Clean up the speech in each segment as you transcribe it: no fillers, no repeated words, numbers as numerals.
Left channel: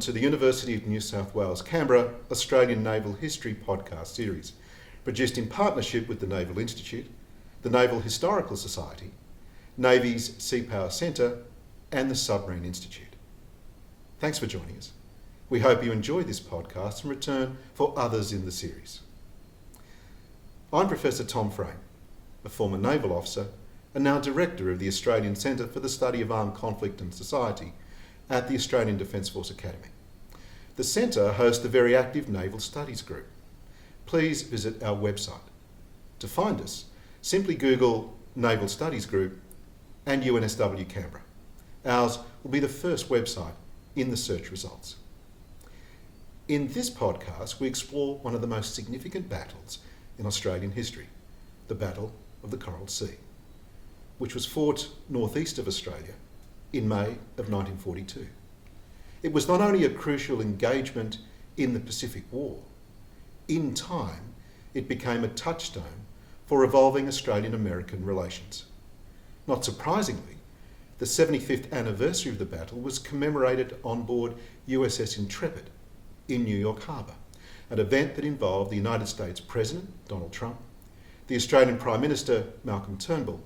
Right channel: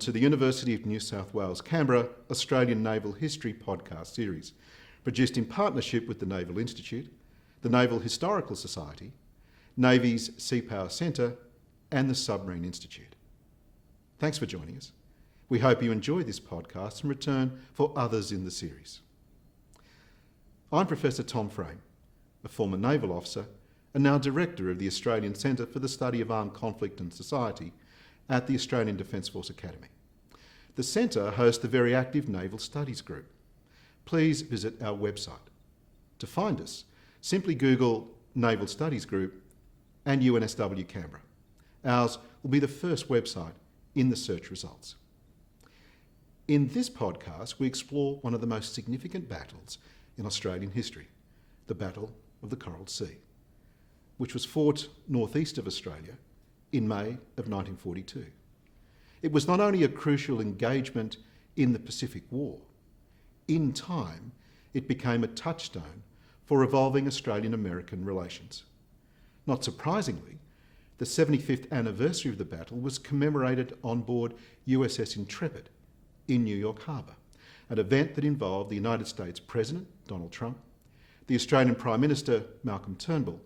to the University of New South Wales, Canberra Australian Naval History podcast series, produced in partnership with the Naval Institute, the Naval Historical Society, Navy's Sea Power Centre and the Submarine Institute. Thanks for joining us. We hope you enjoy this podcast and return for others in the series. I'm Professor Tom Frame, a former naval officer and now Director of the Australian Centre for the Study of Armed Conflict and Society at the Australian Defence Force Academy. The Centre hosts the very active Naval Studies Group. Please visit our website. To find us, simply Google Naval Studies Group and UNSW Canberra. Ours will be the first website in the search results. In this podcast, we explore one of the most significant battles in Australian history, the Battle of the Coral Sea, which was fought northeast of Australia in May of 1942. It was not only a crucial engagement in the Pacific War, in time it became a touchstone for evolving Australian-American relations. Not surprisingly, the 75th anniversary of the battle was commemorated on board USS Intrepid in New York Harbour, an event that involved the United States President, Donald Trump, the Australian Prime Minister, Malcolm Turnbull,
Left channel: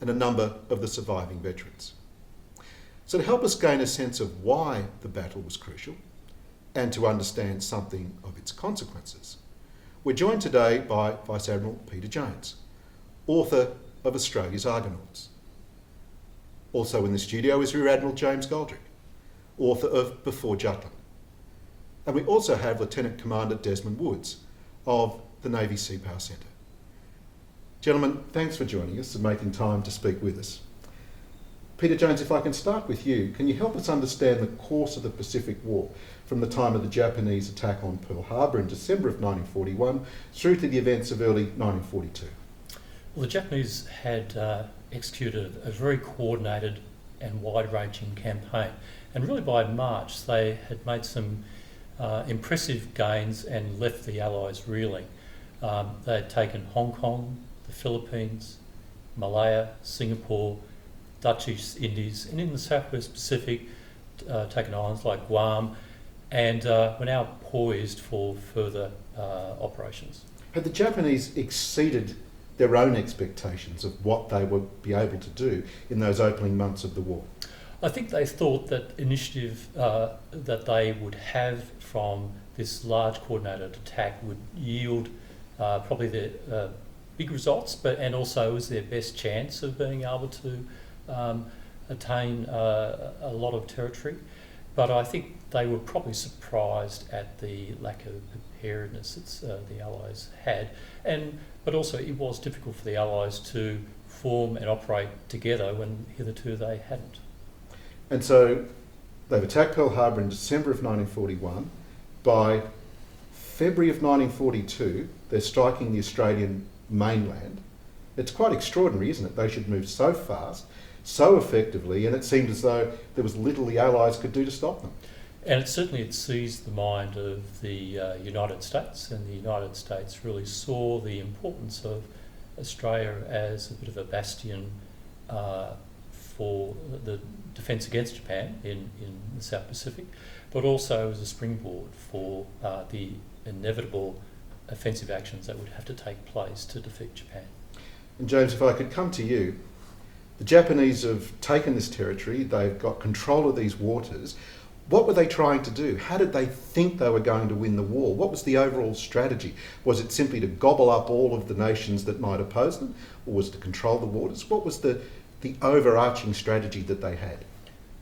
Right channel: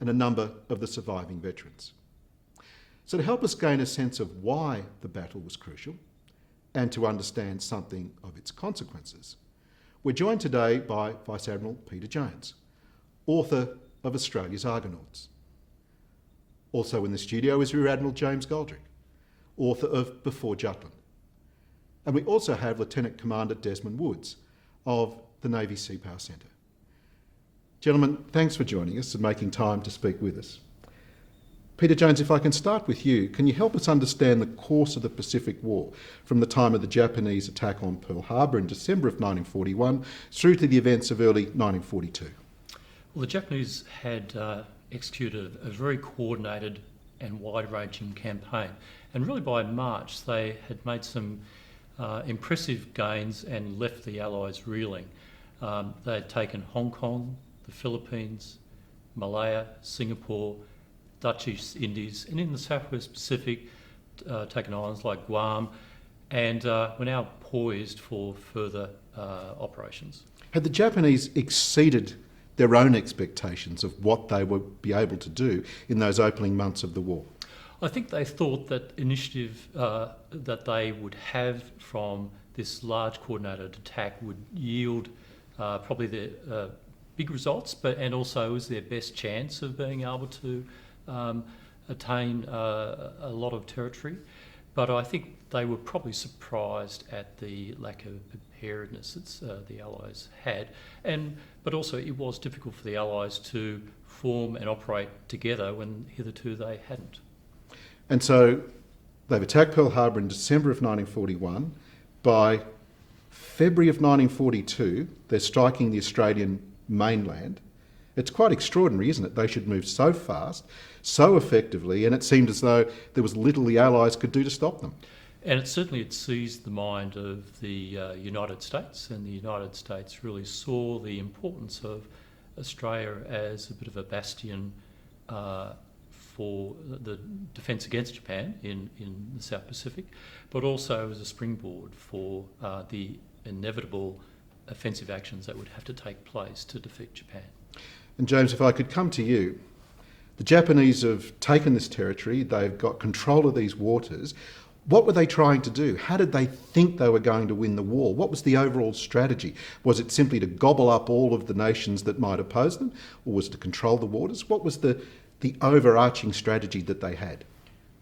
and a number of the surviving veterans. So to help us gain a sense of why the battle was crucial and to understand something of its consequences, we're joined today by Vice Admiral Peter Jones, author of Australia's Argonauts. Also in the studio is Rear Admiral James Goldrick, author of Before Jutland. And we also have Lieutenant Commander Desmond Woods of the Navy Sea Power Centre. Gentlemen, thanks for joining us and making time to speak with us. Peter Jones, if I can start with you, can you help us understand the course of the Pacific War from the time of the Japanese attack on Pearl Harbor in December of 1941 through to the events of early 1942? Well, the Japanese had executed a very coordinated and wide-ranging campaign, and really by March they had made some impressive gains and left the Allies reeling. They had taken Hong Kong, the Philippines, Malaya, Singapore, Dutch East Indies, and in the Southwest Pacific, taken islands like Guam, and were now poised for further operations. Had the Japanese exceeded their own expectations of what they would be able to do in those opening months of the war? I think they thought that initiative that they would have from this large coordinated attack would yield probably the big results, and also was their best chance of being able to attain a lot of territory. But I think they were probably surprised at the lack of preparedness that the Allies had, but also it was difficult for the Allies to form and operate together when hitherto they hadn't. And so they've attacked Pearl Harbor in December of 1941. By February of 1942, they're striking the Australian mainland. It's quite extraordinary, isn't it? They should move so fast, so effectively, and it seemed as though there was little the Allies could do to stop them. And it certainly seized the mind of the United States, and the United States really saw the importance of Australia as a bit of a bastion for the defence against Japan in the South Pacific, but also as a springboard for the inevitable offensive actions that would have to take place to defeat Japan. And James, if I could come to you, the Japanese have taken this territory, they've got control of these waters. What were they trying to do? How did they think they were going to win the war? What was the overall strategy? Was it simply to gobble up all of the nations that might oppose them, or was it to control the waters? What was the overarching strategy that they had?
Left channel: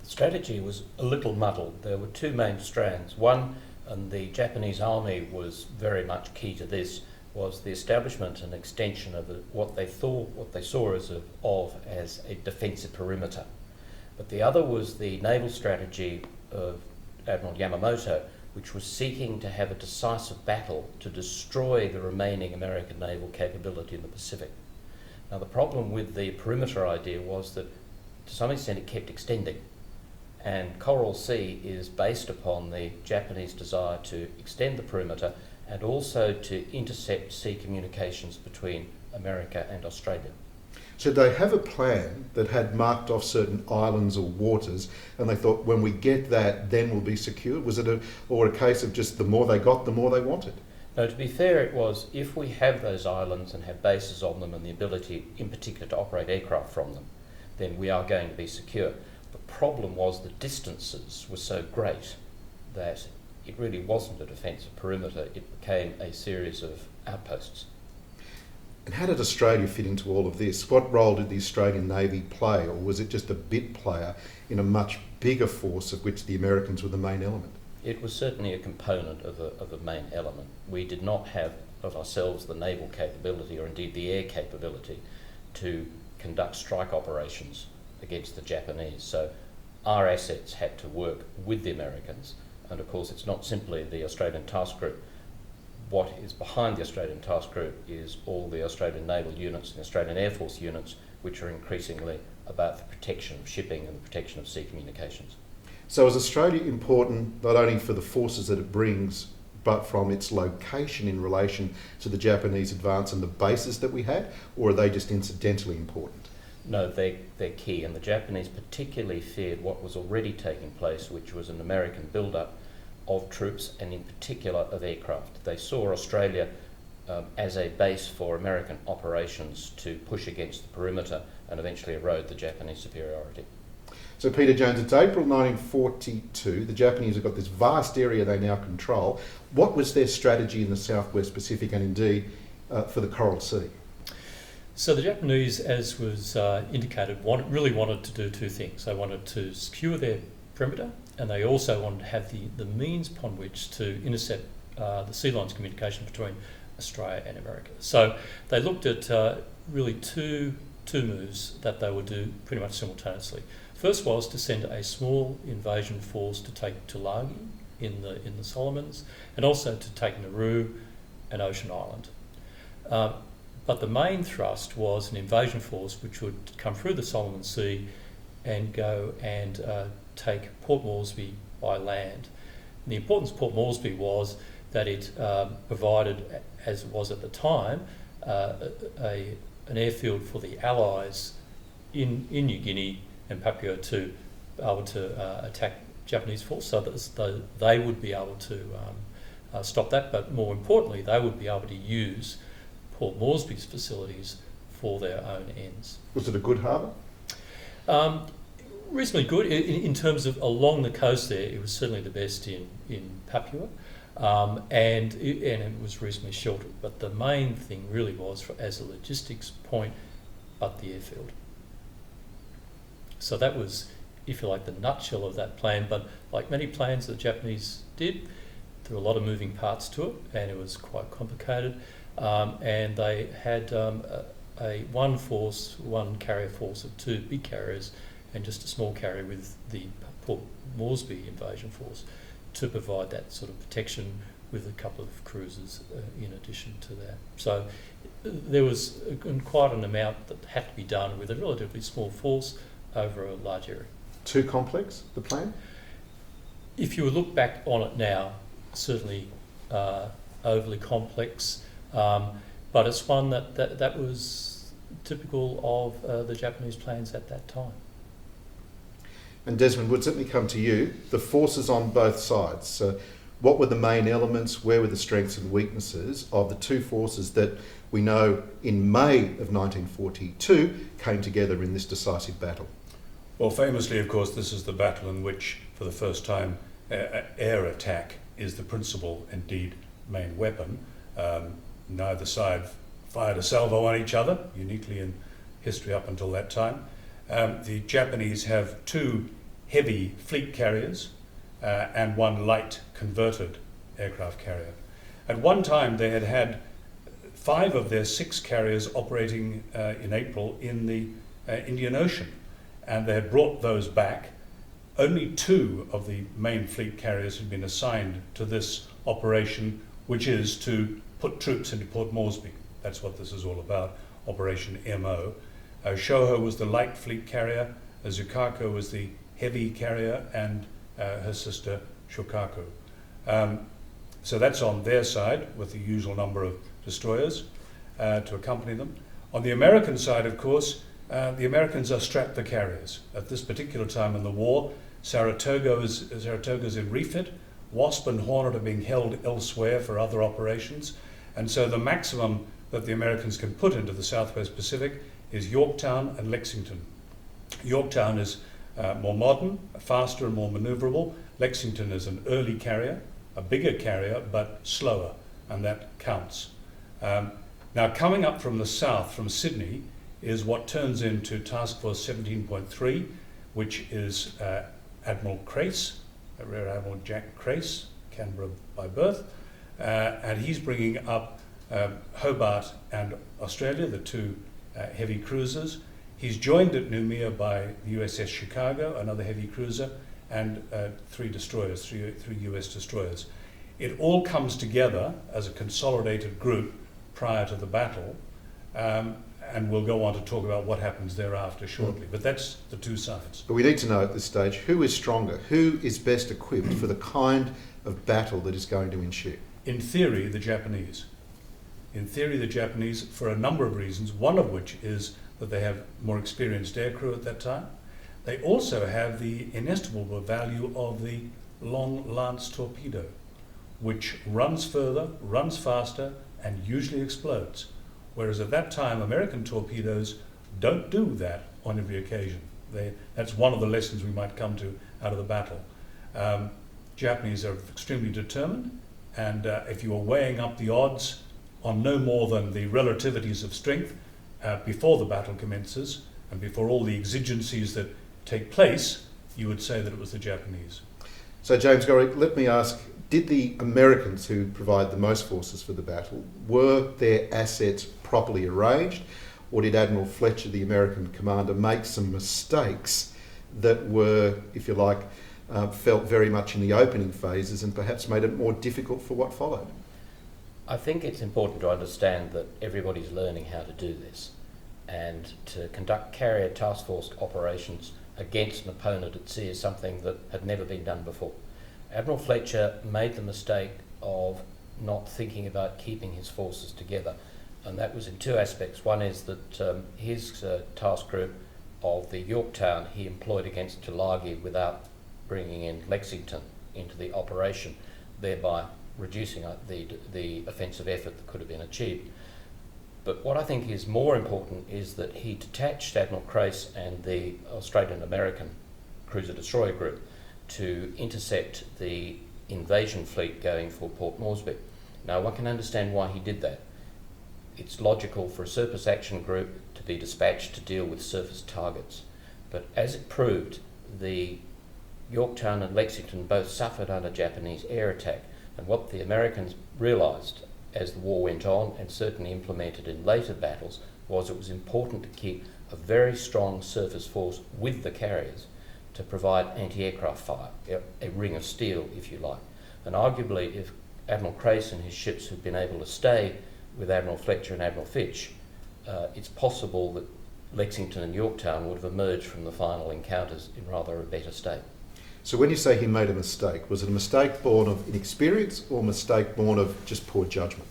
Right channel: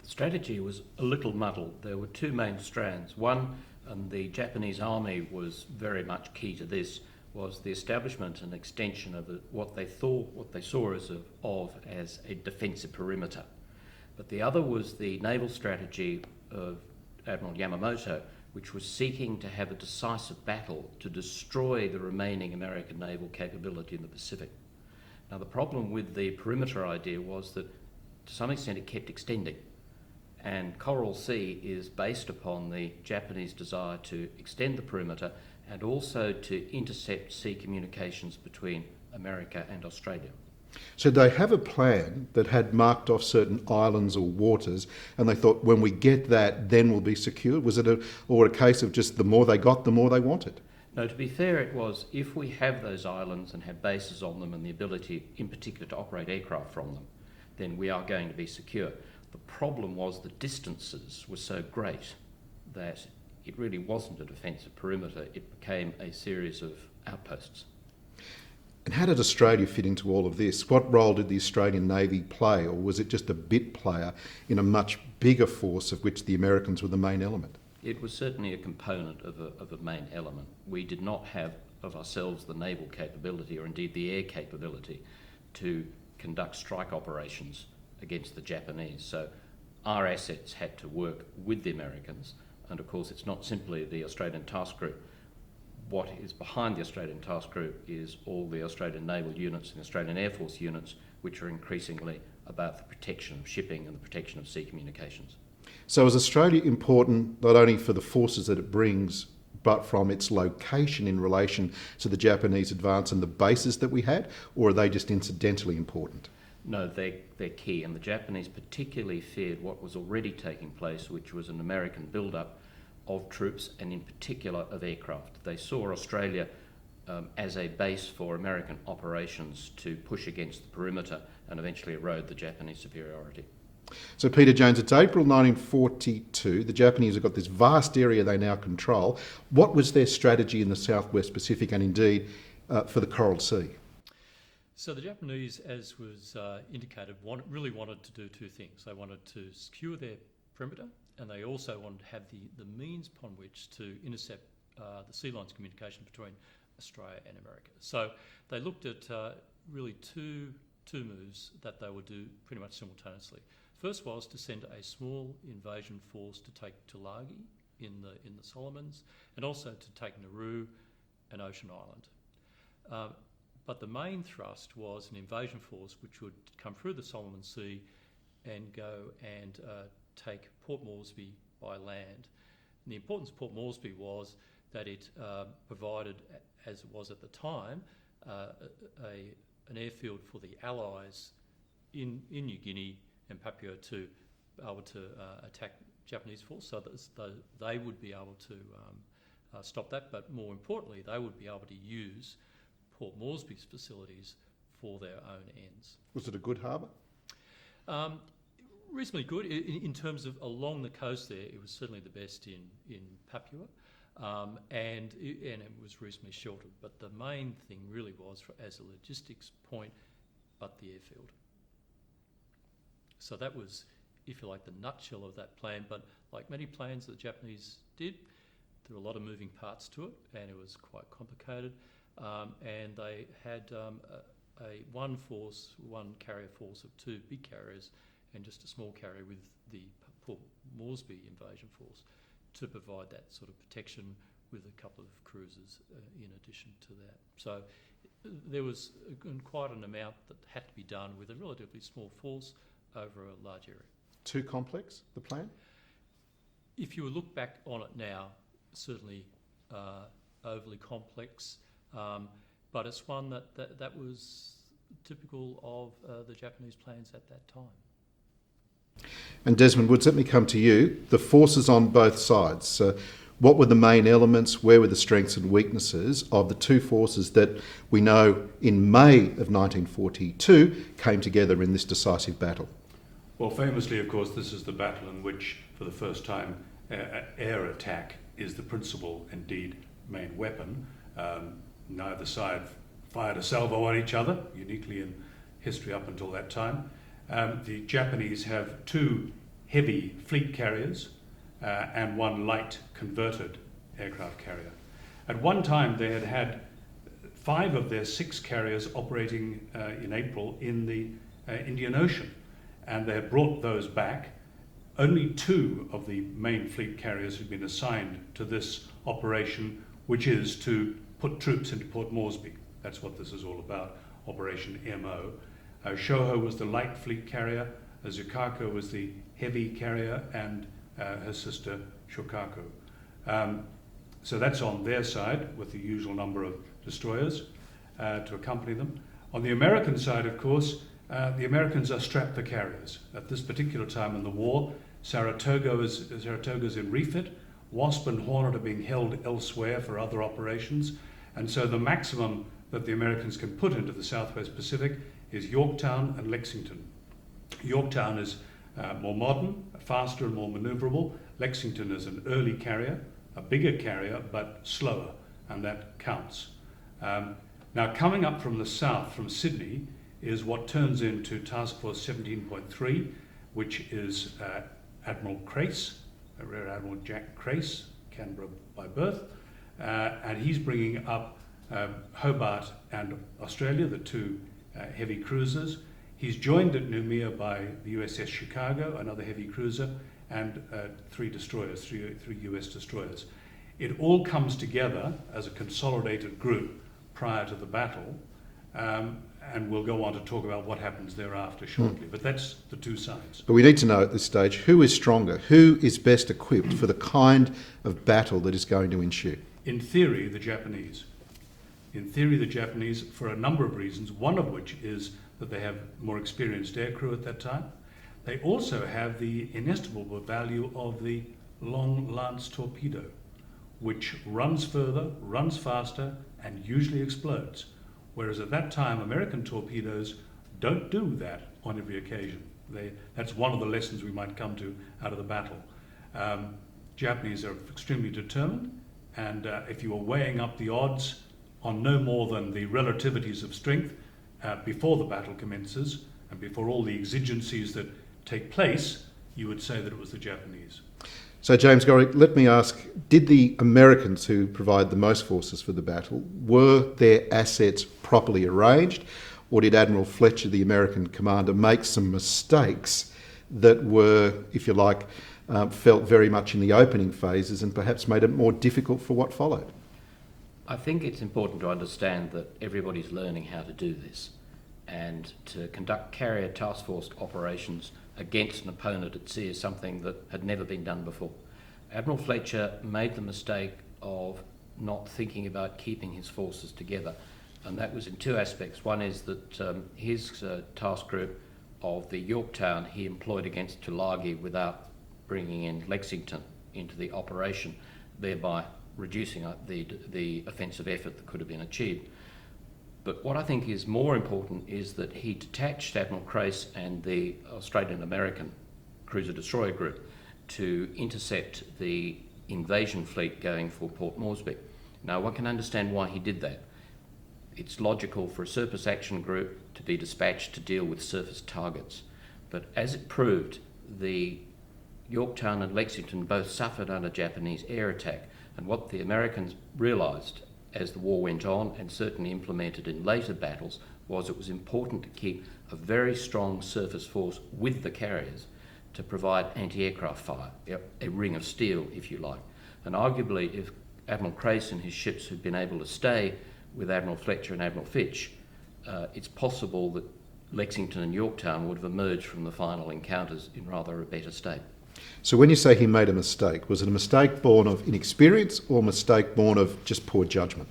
The strategy was a little muddled. There were two main strands. One, and the Japanese army was very much key to this, was the establishment and extension of what they saw as a defensive perimeter. But the other was the naval strategy of Admiral Yamamoto, which was seeking to have a decisive battle to destroy the remaining American naval capability in the Pacific. Now, the problem with the perimeter idea was that to some extent it kept extending, and Coral Sea is based upon the Japanese desire to extend the perimeter and also to intercept sea communications between America and Australia. Should they have a plan that had marked off certain islands or waters, and they thought, when we get that, then we'll be secure? Was it a case of just the more they got, the more they wanted? No, to be fair, it was, if we have those islands and have bases on them and the ability, in particular, to operate aircraft from them, then we are going to be secure. The problem was the distances were so great that it really wasn't a defensive perimeter, it became a series of outposts. And how did Australia fit into all of this? What role did the Australian Navy play, or was it just a bit player in a much bigger force of which the Americans were the main element? It was certainly a component of a main element. We did not have of ourselves the naval capability, or indeed the air capability, to conduct strike operations against the Japanese. So our assets had to work with the Americans, and of course it's not simply the Australian Task Group. What is behind the Australian Task Group is all the Australian naval units and Australian Air Force units, which are increasingly about the protection of shipping and the protection of sea communications. So is Australia important not only for the forces that it brings, but from its location in relation to the Japanese advance and the bases that we had, or are they just incidentally important? No, they're key, and the Japanese particularly feared what was already taking place, which was an American build-up of troops and in particular of aircraft. They saw Australia as a base for American operations to push against the perimeter and eventually erode the Japanese superiority. So Peter Jones, it's April 1942. The Japanese have got this vast area they now control. What was their strategy in the Southwest Pacific and indeed for the Coral Sea? So the Japanese, as was indicated, really wanted to do two things. They wanted to secure their perimeter, and they also wanted to have the means upon which to intercept the sea lines communication between Australia and America. So they looked at really two moves that they would do pretty much simultaneously. First was to send a small invasion force to take Tulagi in the Solomons, and also to take Nauru and Ocean Island. But the main thrust was an invasion force which would come through the Solomon Sea and go and take Port Moresby by land. And the importance of Port Moresby was that it provided, as it was at the time, an airfield for the Allies in New Guinea and Papua to be able to attack Japanese force, so that they would be able to stop that, but more importantly, they would be able to use Port Moresby's facilities for their own ends. Was it a good harbour? Reasonably good in terms of along the coast there. It was certainly the best in Papua, and it was reasonably sheltered. But the main thing really was as a logistics point, but the airfield. So that was, if you like, the nutshell of that plan. But like many plans the Japanese did, there were a lot of moving parts to it, and it was quite complicated. And they had one carrier force of two big carriers and just a small carrier with the Port Moresby invasion force to provide that sort of protection, with a couple of cruisers in addition to that. So there was quite an amount that had to be done with a relatively small force over a large area. Too complex, the plan? If you look back on it now, certainly overly complex, but it's one that was typical of the Japanese plans at that time. And Desmond Woods, let me come to you. The forces on both sides. What were the main elements? Where were the strengths and weaknesses of the two forces that we know in May of 1942 came together in this decisive battle? Well, famously, of course, this is the battle in which, for the first time, air attack is the principal, indeed, main weapon. Neither side fired a salvo on each other, uniquely in history up until that time. The Japanese have two heavy fleet carriers and one light converted aircraft carrier. At one time they had 5 of their 6 carriers operating in April in the Indian Ocean, and they had brought those back. Only 2 of the main fleet carriers had been assigned to this operation, which is to put troops into Port Moresby. That's what this is all about, Operation MO. Shoho was the light fleet carrier, Zukako was the heavy carrier, and her sister Shokaku. So that's on their side, with the usual number of destroyers to accompany them. On the American side, of course, the Americans are strapped the carriers. At this particular time in the war, Saratoga's in refit, Wasp and Hornet are being held elsewhere for other operations, and so the maximum that the Americans can put into the Southwest Pacific is Yorktown and Lexington. Yorktown is more modern, faster and more manoeuvrable. Lexington is an early carrier, a bigger carrier, but slower, and that counts. Now, coming up from the south, from Sydney, is what turns into Task Force 17.3, which is Admiral Crace, Rear Admiral Jack Crace, Canberra by birth, and he's bringing up Hobart and Australia, the two heavy cruisers. He's joined at Noumea by the USS Chicago, another heavy cruiser, and three destroyers, three US destroyers. It all comes together as a consolidated group prior to the battle, and we'll go on to talk about what happens thereafter shortly. But that's the two sides. But we need to know at this stage who is stronger, who is best equipped for the kind of battle that is going to ensue. In theory, the Japanese. In theory, the Japanese, for a number of reasons, one of which is that they have more experienced aircrew at that time. They also have the inestimable value of the long lance torpedo, which runs further, runs faster, and usually explodes. Whereas at that time, American torpedoes don't do that on every occasion. That's one of the lessons we might come to out of the battle. Japanese are extremely determined, and if you are weighing up the odds on no more than the relativities of strength before the battle commences, and before all the exigencies that take place, you would say that it was the Japanese. So James Goldrick, let me ask, did the Americans who provide the most forces for the battle, were their assets properly arranged, or did Admiral Fletcher, the American commander, make some mistakes that were, if you like, felt very much in the opening phases and perhaps made it more difficult for what followed? I think it's important to understand that everybody's learning how to do this, and to conduct carrier task force operations against an opponent at sea is something that had never been done before. Admiral Fletcher made the mistake of not thinking about keeping his forces together, and that was in two aspects. One is that his task group of the Yorktown he employed against Tulagi without bringing in Lexington into the operation, thereby reducing the offensive effort that could have been achieved. But what I think is more important is that he detached Admiral Crace and the Australian-American cruiser-destroyer group to intercept the invasion fleet going for Port Moresby. Now, one can understand why he did that. It's logical for a surface action group to be dispatched to deal with surface targets. But as it proved, the Yorktown and Lexington both suffered under Japanese air attack, and what the Americans realised as the war went on, and certainly implemented in later battles, was it was important to keep a very strong surface force with the carriers to provide anti-aircraft fire, a ring of steel, if you like. And arguably, if Admiral Crace and his ships had been able to stay with Admiral Fletcher and Admiral Fitch, it's possible that Lexington and Yorktown would have emerged from the final encounters in rather a better state. So when you say he made a mistake, was it a mistake born of inexperience or a mistake born of just poor judgment?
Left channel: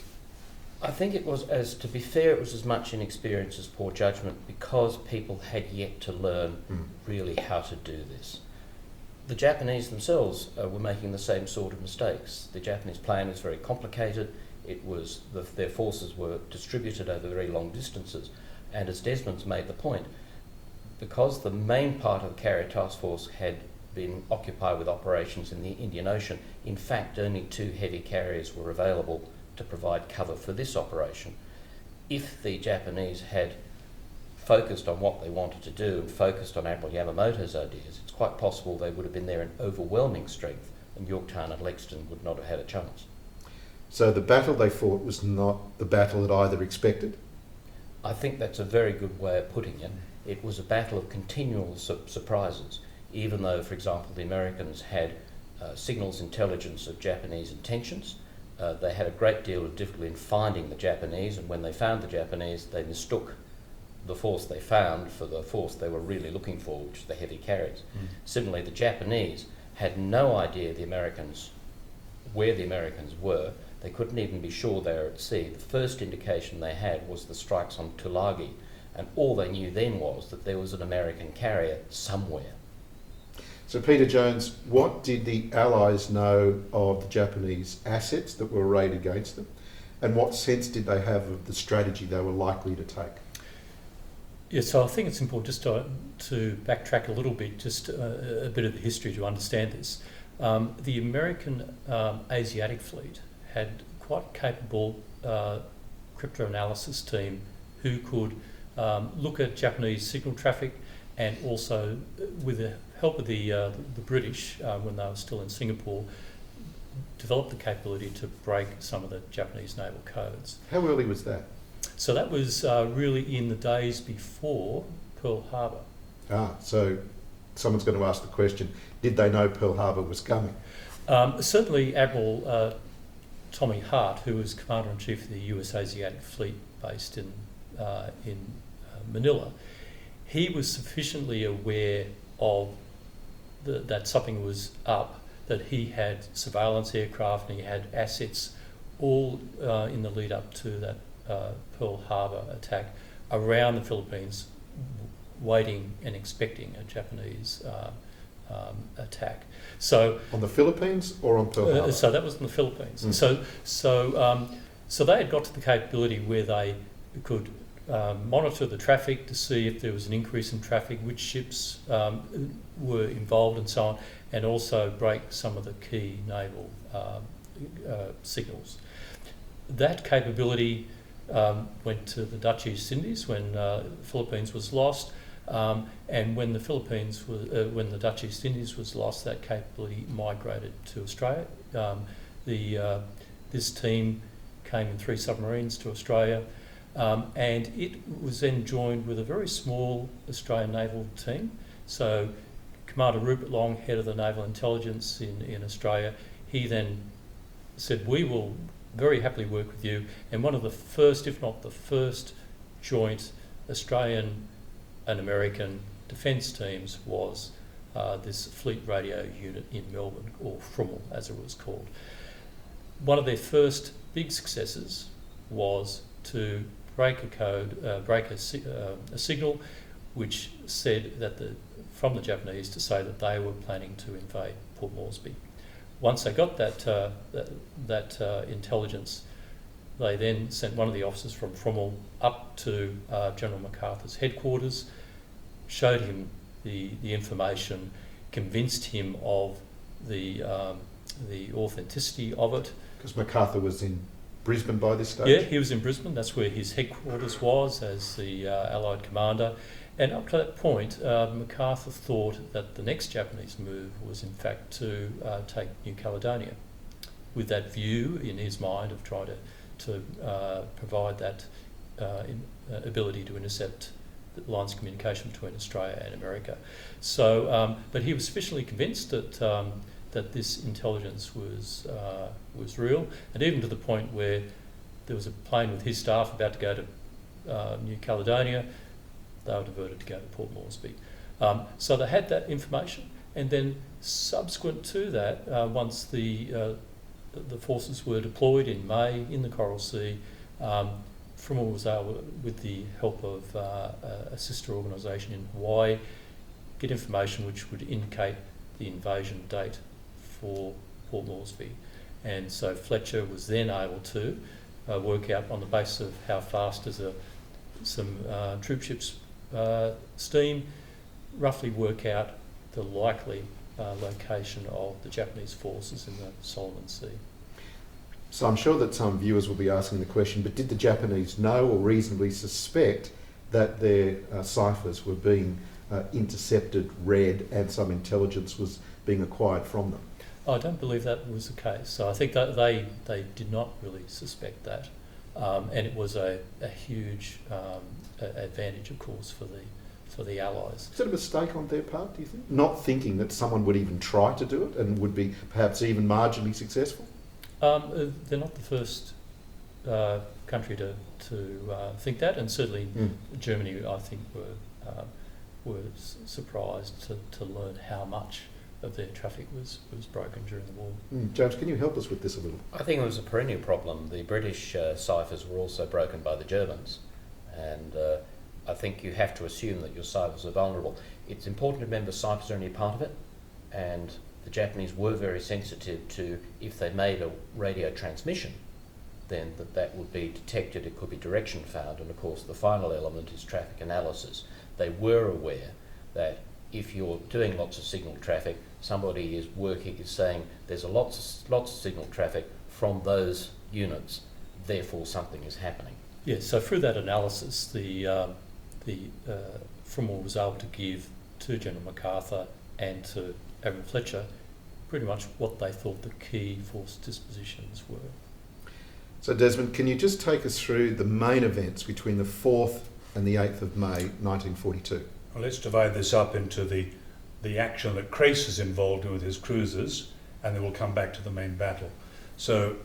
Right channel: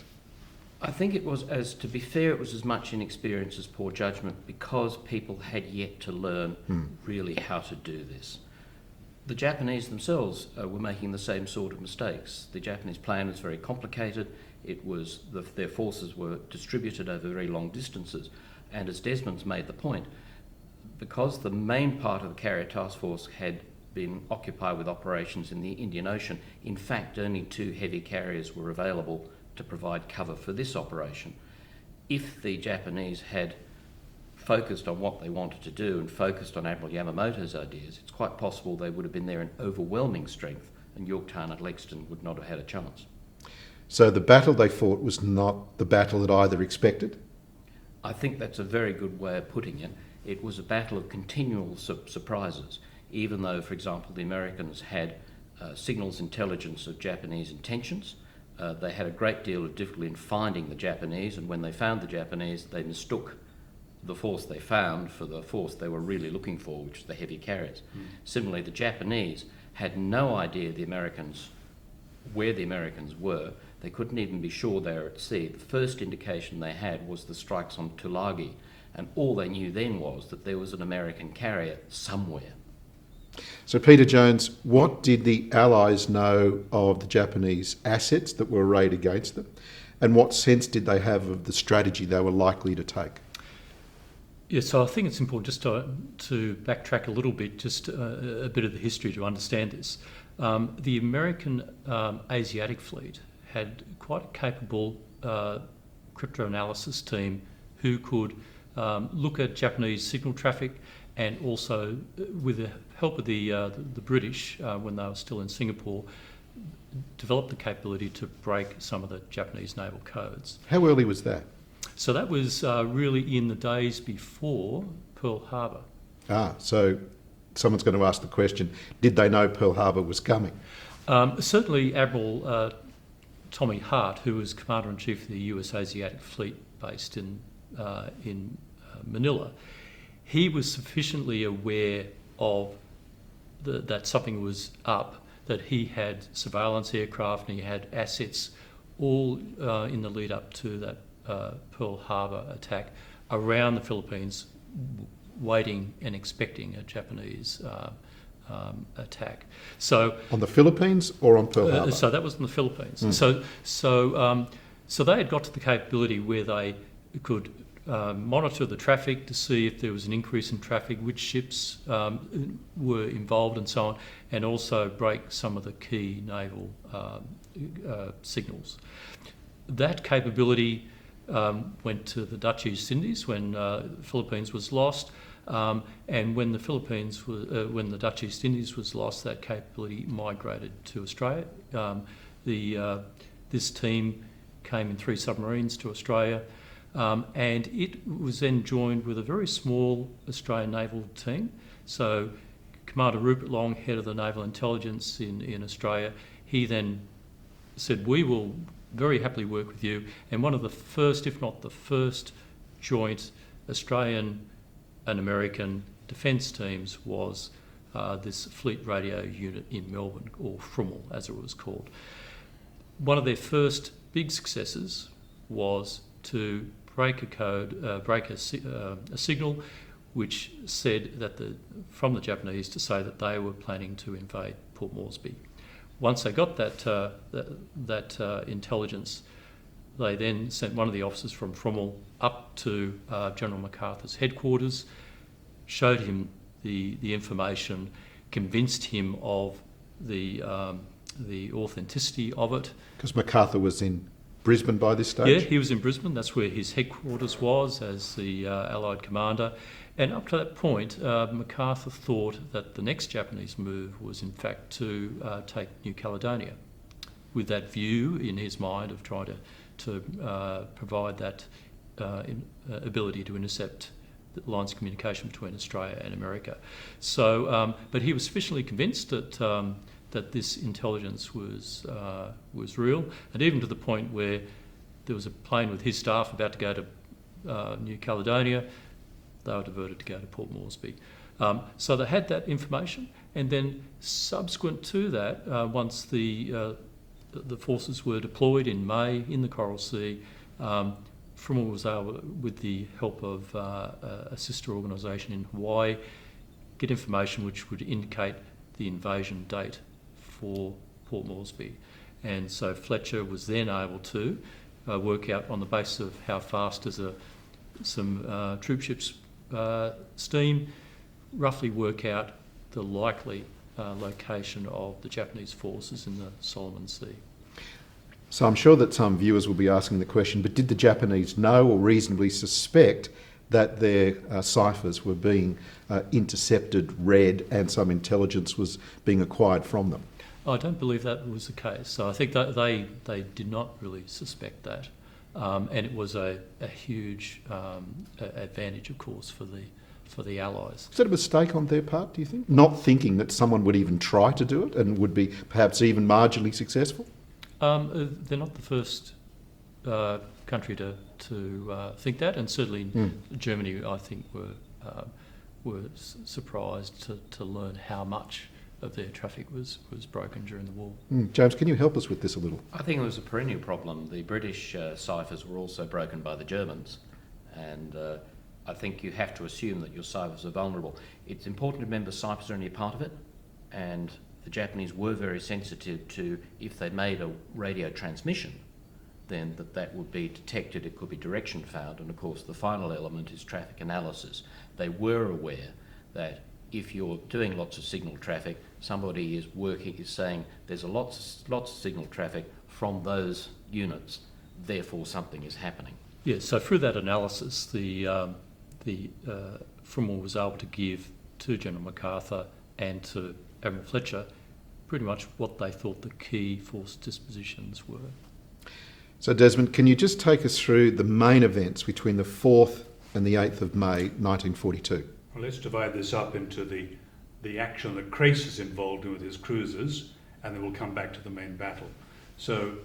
I think it was, to be fair, it was as much inexperience as poor judgment, because people had yet to learn really how to do this. The Japanese themselves were making the same sort of mistakes. The Japanese plan was very complicated. It was their forces were distributed over very long distances, and as Desmond's made the point, because the main part of the carrier task force had been occupied with operations in the Indian Ocean, in fact only 2 heavy carriers were available to provide cover for this operation. If the Japanese had focused on what they wanted to do and focused on Admiral Yamamoto's ideas, it's quite possible they would have been there in overwhelming strength, and Yorktown and Lexington would not have had a chance. So the battle they fought was not the battle that either expected? I think that's a very good way of putting it. It was a battle of continual surprises, even though, for example, the Americans had signals intelligence of Japanese intentions. They had a great deal of difficulty in finding the Japanese, and when they found the Japanese, they mistook the force they found for the force they were really looking for, which was the heavy carriers. Similarly, the Japanese had no idea where the Americans were. They couldn't even be sure they were at sea. The first indication they had was the strikes on Tulagi, and all they knew then was that there was an American carrier somewhere. So Peter Jones, what did the Allies know of the Japanese assets that were arrayed against them, and what sense did they have of the strategy they were likely to take? Yeah, so I think it's important just to backtrack a little bit, just a bit of the history to understand this. The American Asiatic fleet had quite a capable cryptoanalysis team who could look at Japanese signal traffic, and also, with the help of the British, when they were still in Singapore, developed the capability to break some of the Japanese naval codes. How early was that? So that was really in the days before Pearl Harbor. So someone's going to ask the question, did they know Pearl Harbor was coming? Certainly Admiral Tommy Hart, who was Commander-in-Chief of the US Asiatic Fleet based in Manila, he was sufficiently aware of that something was up, that he had surveillance aircraft and he had assets all in the lead up to that Pearl Harbor attack around the Philippines, waiting and expecting a Japanese attack. So on the Philippines or on Pearl Harbor? So that was in the Philippines. Mm. So they had got to the capability where they could monitor the traffic to see if there was an increase in traffic, which ships were involved and so on, and also break some of the key naval signals. That capability went to the Dutch East Indies when the Philippines was lost, and when the Dutch East Indies was lost, that capability migrated to Australia. This team came in 3 submarines to Australia, and it was then joined with a very small Australian naval team. So Commander Rupert Long, head of the Naval Intelligence in Australia, he then said, we will very happily work with you. And one of the first, if not the first, joint Australian and American defence teams was this Fleet Radio Unit in Melbourne, or FRUML as it was called. One of their first big successes was to break a code, break a signal which said that from the Japanese to say that they were planning to invade Port Moresby. Once they got that intelligence, they then sent one of the officers from FRUML up to General MacArthur's headquarters, showed him the information, convinced him of the authenticity of it. Because MacArthur was in Brisbane by this stage? Yeah, he was in Brisbane. That's where his headquarters was as the Allied commander. And up to that point, MacArthur thought that the next Japanese move was in fact to take New Caledonia, with that view in his mind of trying to provide that ability to intercept the lines of communication between Australia and America. So, but he was sufficiently convinced that this intelligence was real, and even to the point where there was a plane with his staff about to go to New Caledonia. They were diverted to go to Port Moresby. So they had that information, and then subsequent to that, once the forces were deployed in May in the Coral Sea, FRUML was able, with the help of a sister organisation in Hawaii, get information which would indicate the invasion date for Port Moresby. And so Fletcher was then able to work out, on the basis of how fast does some troop ships steam, roughly work out the likely location of the Japanese forces in the Solomon Sea. So I'm sure that some viewers will be asking the question, but did the Japanese know or reasonably suspect that their ciphers were being intercepted, read, and some intelligence was being acquired from them? I don't believe that was the case. So I think that they did not really suspect that. And it was a huge advantage, of course, for the Allies. Is that a mistake on their part, do you think? Not thinking that someone would even try to do it and would be perhaps even marginally successful? They're not the first country to think that, and certainly Germany, I think, were surprised to learn how much of their traffic was broken during the war. James, can you help us with this a little? I think it was a perennial problem. The British ciphers were also broken by the Germans, and I think you have to assume that your ciphers are vulnerable. It's important to remember ciphers are only a part of it, and the Japanese were very sensitive to, if they made a radio transmission, then that would be detected, it could be direction found, and of course the final element is traffic analysis. They were aware that if you're doing lots of signal traffic, somebody is saying there's lots of signal traffic from those units, therefore something is happening. Yeah, so through that analysis, the Frommer was able to give to General MacArthur and to Admiral Fletcher pretty much what they thought the key force dispositions were. So Desmond, can you just take us through the main events between the 4th and the 8th of May 1942? Well, let's divide this up into the action that Crace is involved in with his cruisers, and then we'll come back to the main battle. So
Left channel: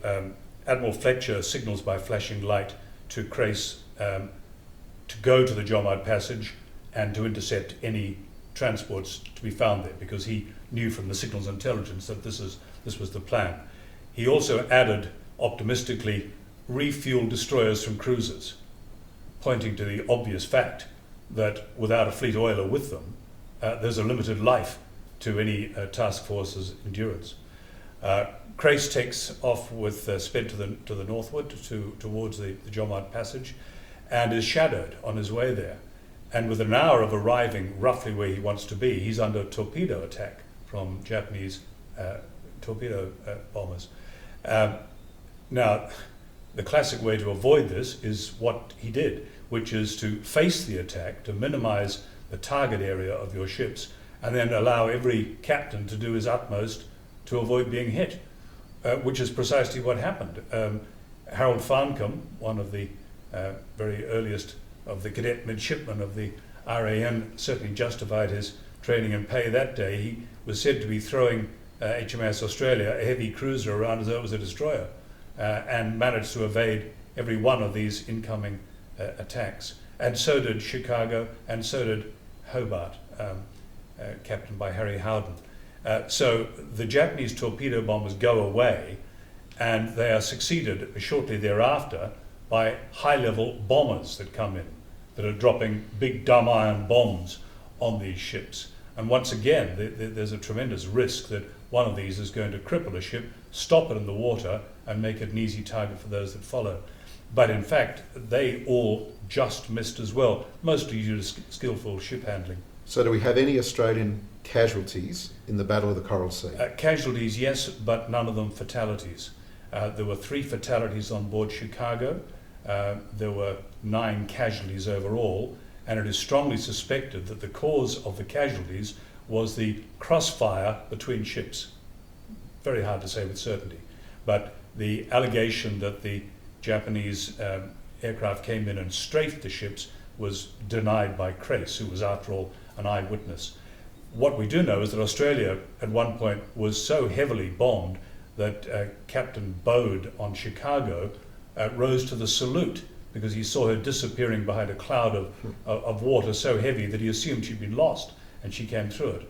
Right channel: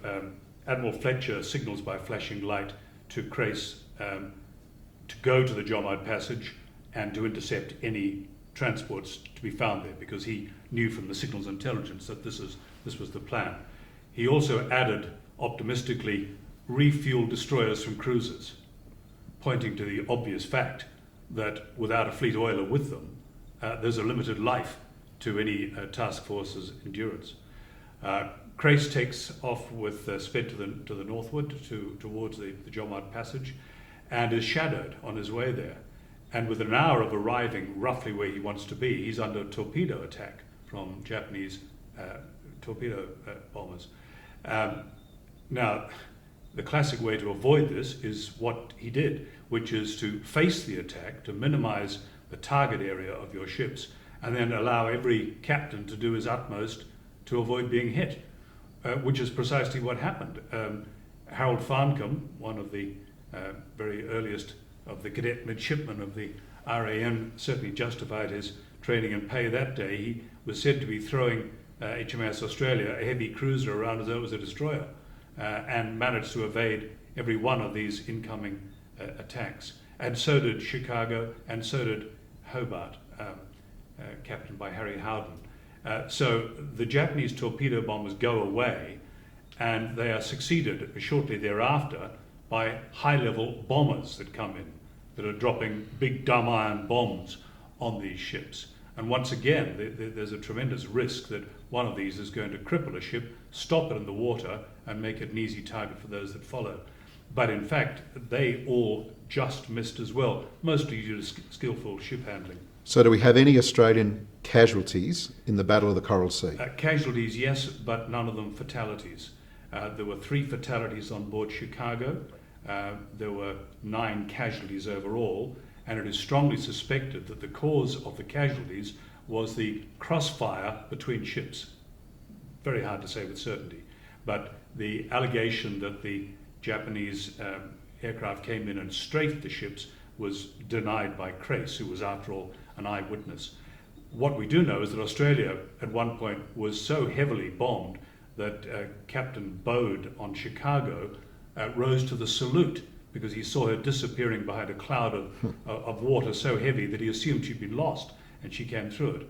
Admiral Fletcher signals by flashing light to Crace to go to the Jomard Passage and to intercept any transports to be found there, because he knew from the signals intelligence that this was the plan. He also added, optimistically, refuel destroyers from cruisers, pointing to the obvious fact that without a fleet oiler with them, there's a limited life to any task force's endurance. Crace takes off with sped to the northward towards the Jomard Passage, and is shadowed on his way there. And within an hour of arriving roughly where he wants to be, he's under torpedo attack from Japanese torpedo bombers. Now, the classic way to avoid this is what he did, which is to face the attack, to minimize the target area of your ships, and then allow every captain to do his utmost to avoid being hit, which is precisely what happened. Harold Farncombe, one of the very earliest of the cadet midshipmen of the RAN, certainly justified his training and pay that day. He was said to be throwing HMAS Australia, a heavy cruiser, around as though it was a destroyer, and managed to evade every one of these incoming attacks. And so did Chicago, and so did Hobart, captained by Harry Howden. So the Japanese torpedo bombers go away, and they are succeeded shortly thereafter by high-level bombers that come in, that are dropping big dumb iron bombs on these ships. And once again, there's a tremendous risk that one of these is going to cripple a ship, stop it in the water, and make it an easy target for those that follow. But in fact, they all just missed as well, mostly due to skillful ship handling. So do we have any Australian casualties in the Battle of the Coral Sea? Casualties, yes, but none of them fatalities. There were 3 fatalities on board Chicago. There were 9 casualties overall, and it is strongly suspected that the cause of the casualties was the crossfire between ships. Very hard to say with certainty, but the allegation that the Japanese aircraft came in and strafed the ships was denied by Crace, who was after all an eyewitness. What we do know is that Australia at one point was so heavily bombed that Captain Bode on Chicago rose to the salute because he saw her disappearing behind a cloud of water so heavy that he assumed she'd been lost, and she came through it.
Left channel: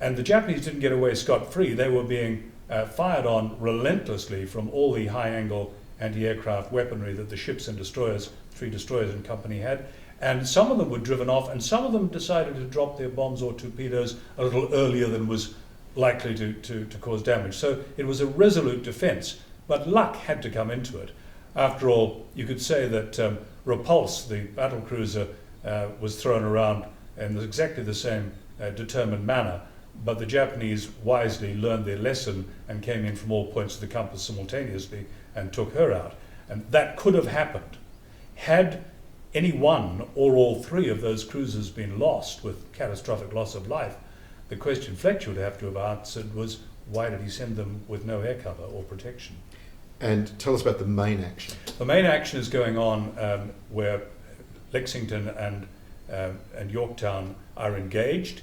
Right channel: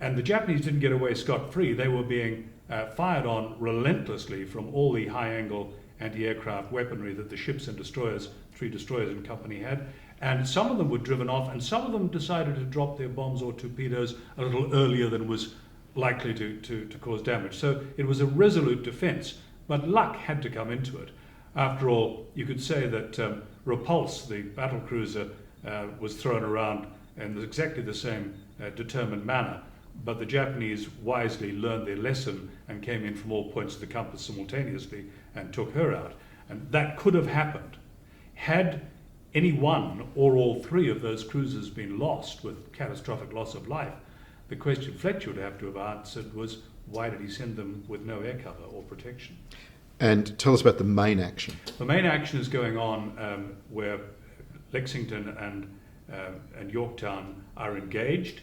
And the Japanese didn't get away scot-free. They were being fired on relentlessly from all the high-angle anti-aircraft weaponry that the ships and destroyers, 3 destroyers in company, had. And some of them were driven off, and some of them decided to drop their bombs or torpedoes a little earlier than was likely to cause damage. So it was a resolute defense, but luck had to come into it. After all, you could say that Repulse, the battle cruiser, was thrown around in exactly the same determined manner, but the Japanese wisely learned their lesson and came in from all points of the compass simultaneously and took her out. And that could have happened had any one or all 3 of those cruisers been lost with catastrophic loss of life. The question Fletcher would have to have answered was, why did he send them with no air cover or protection? And tell us about the main action. The main action is going on where Lexington and Yorktown are engaged.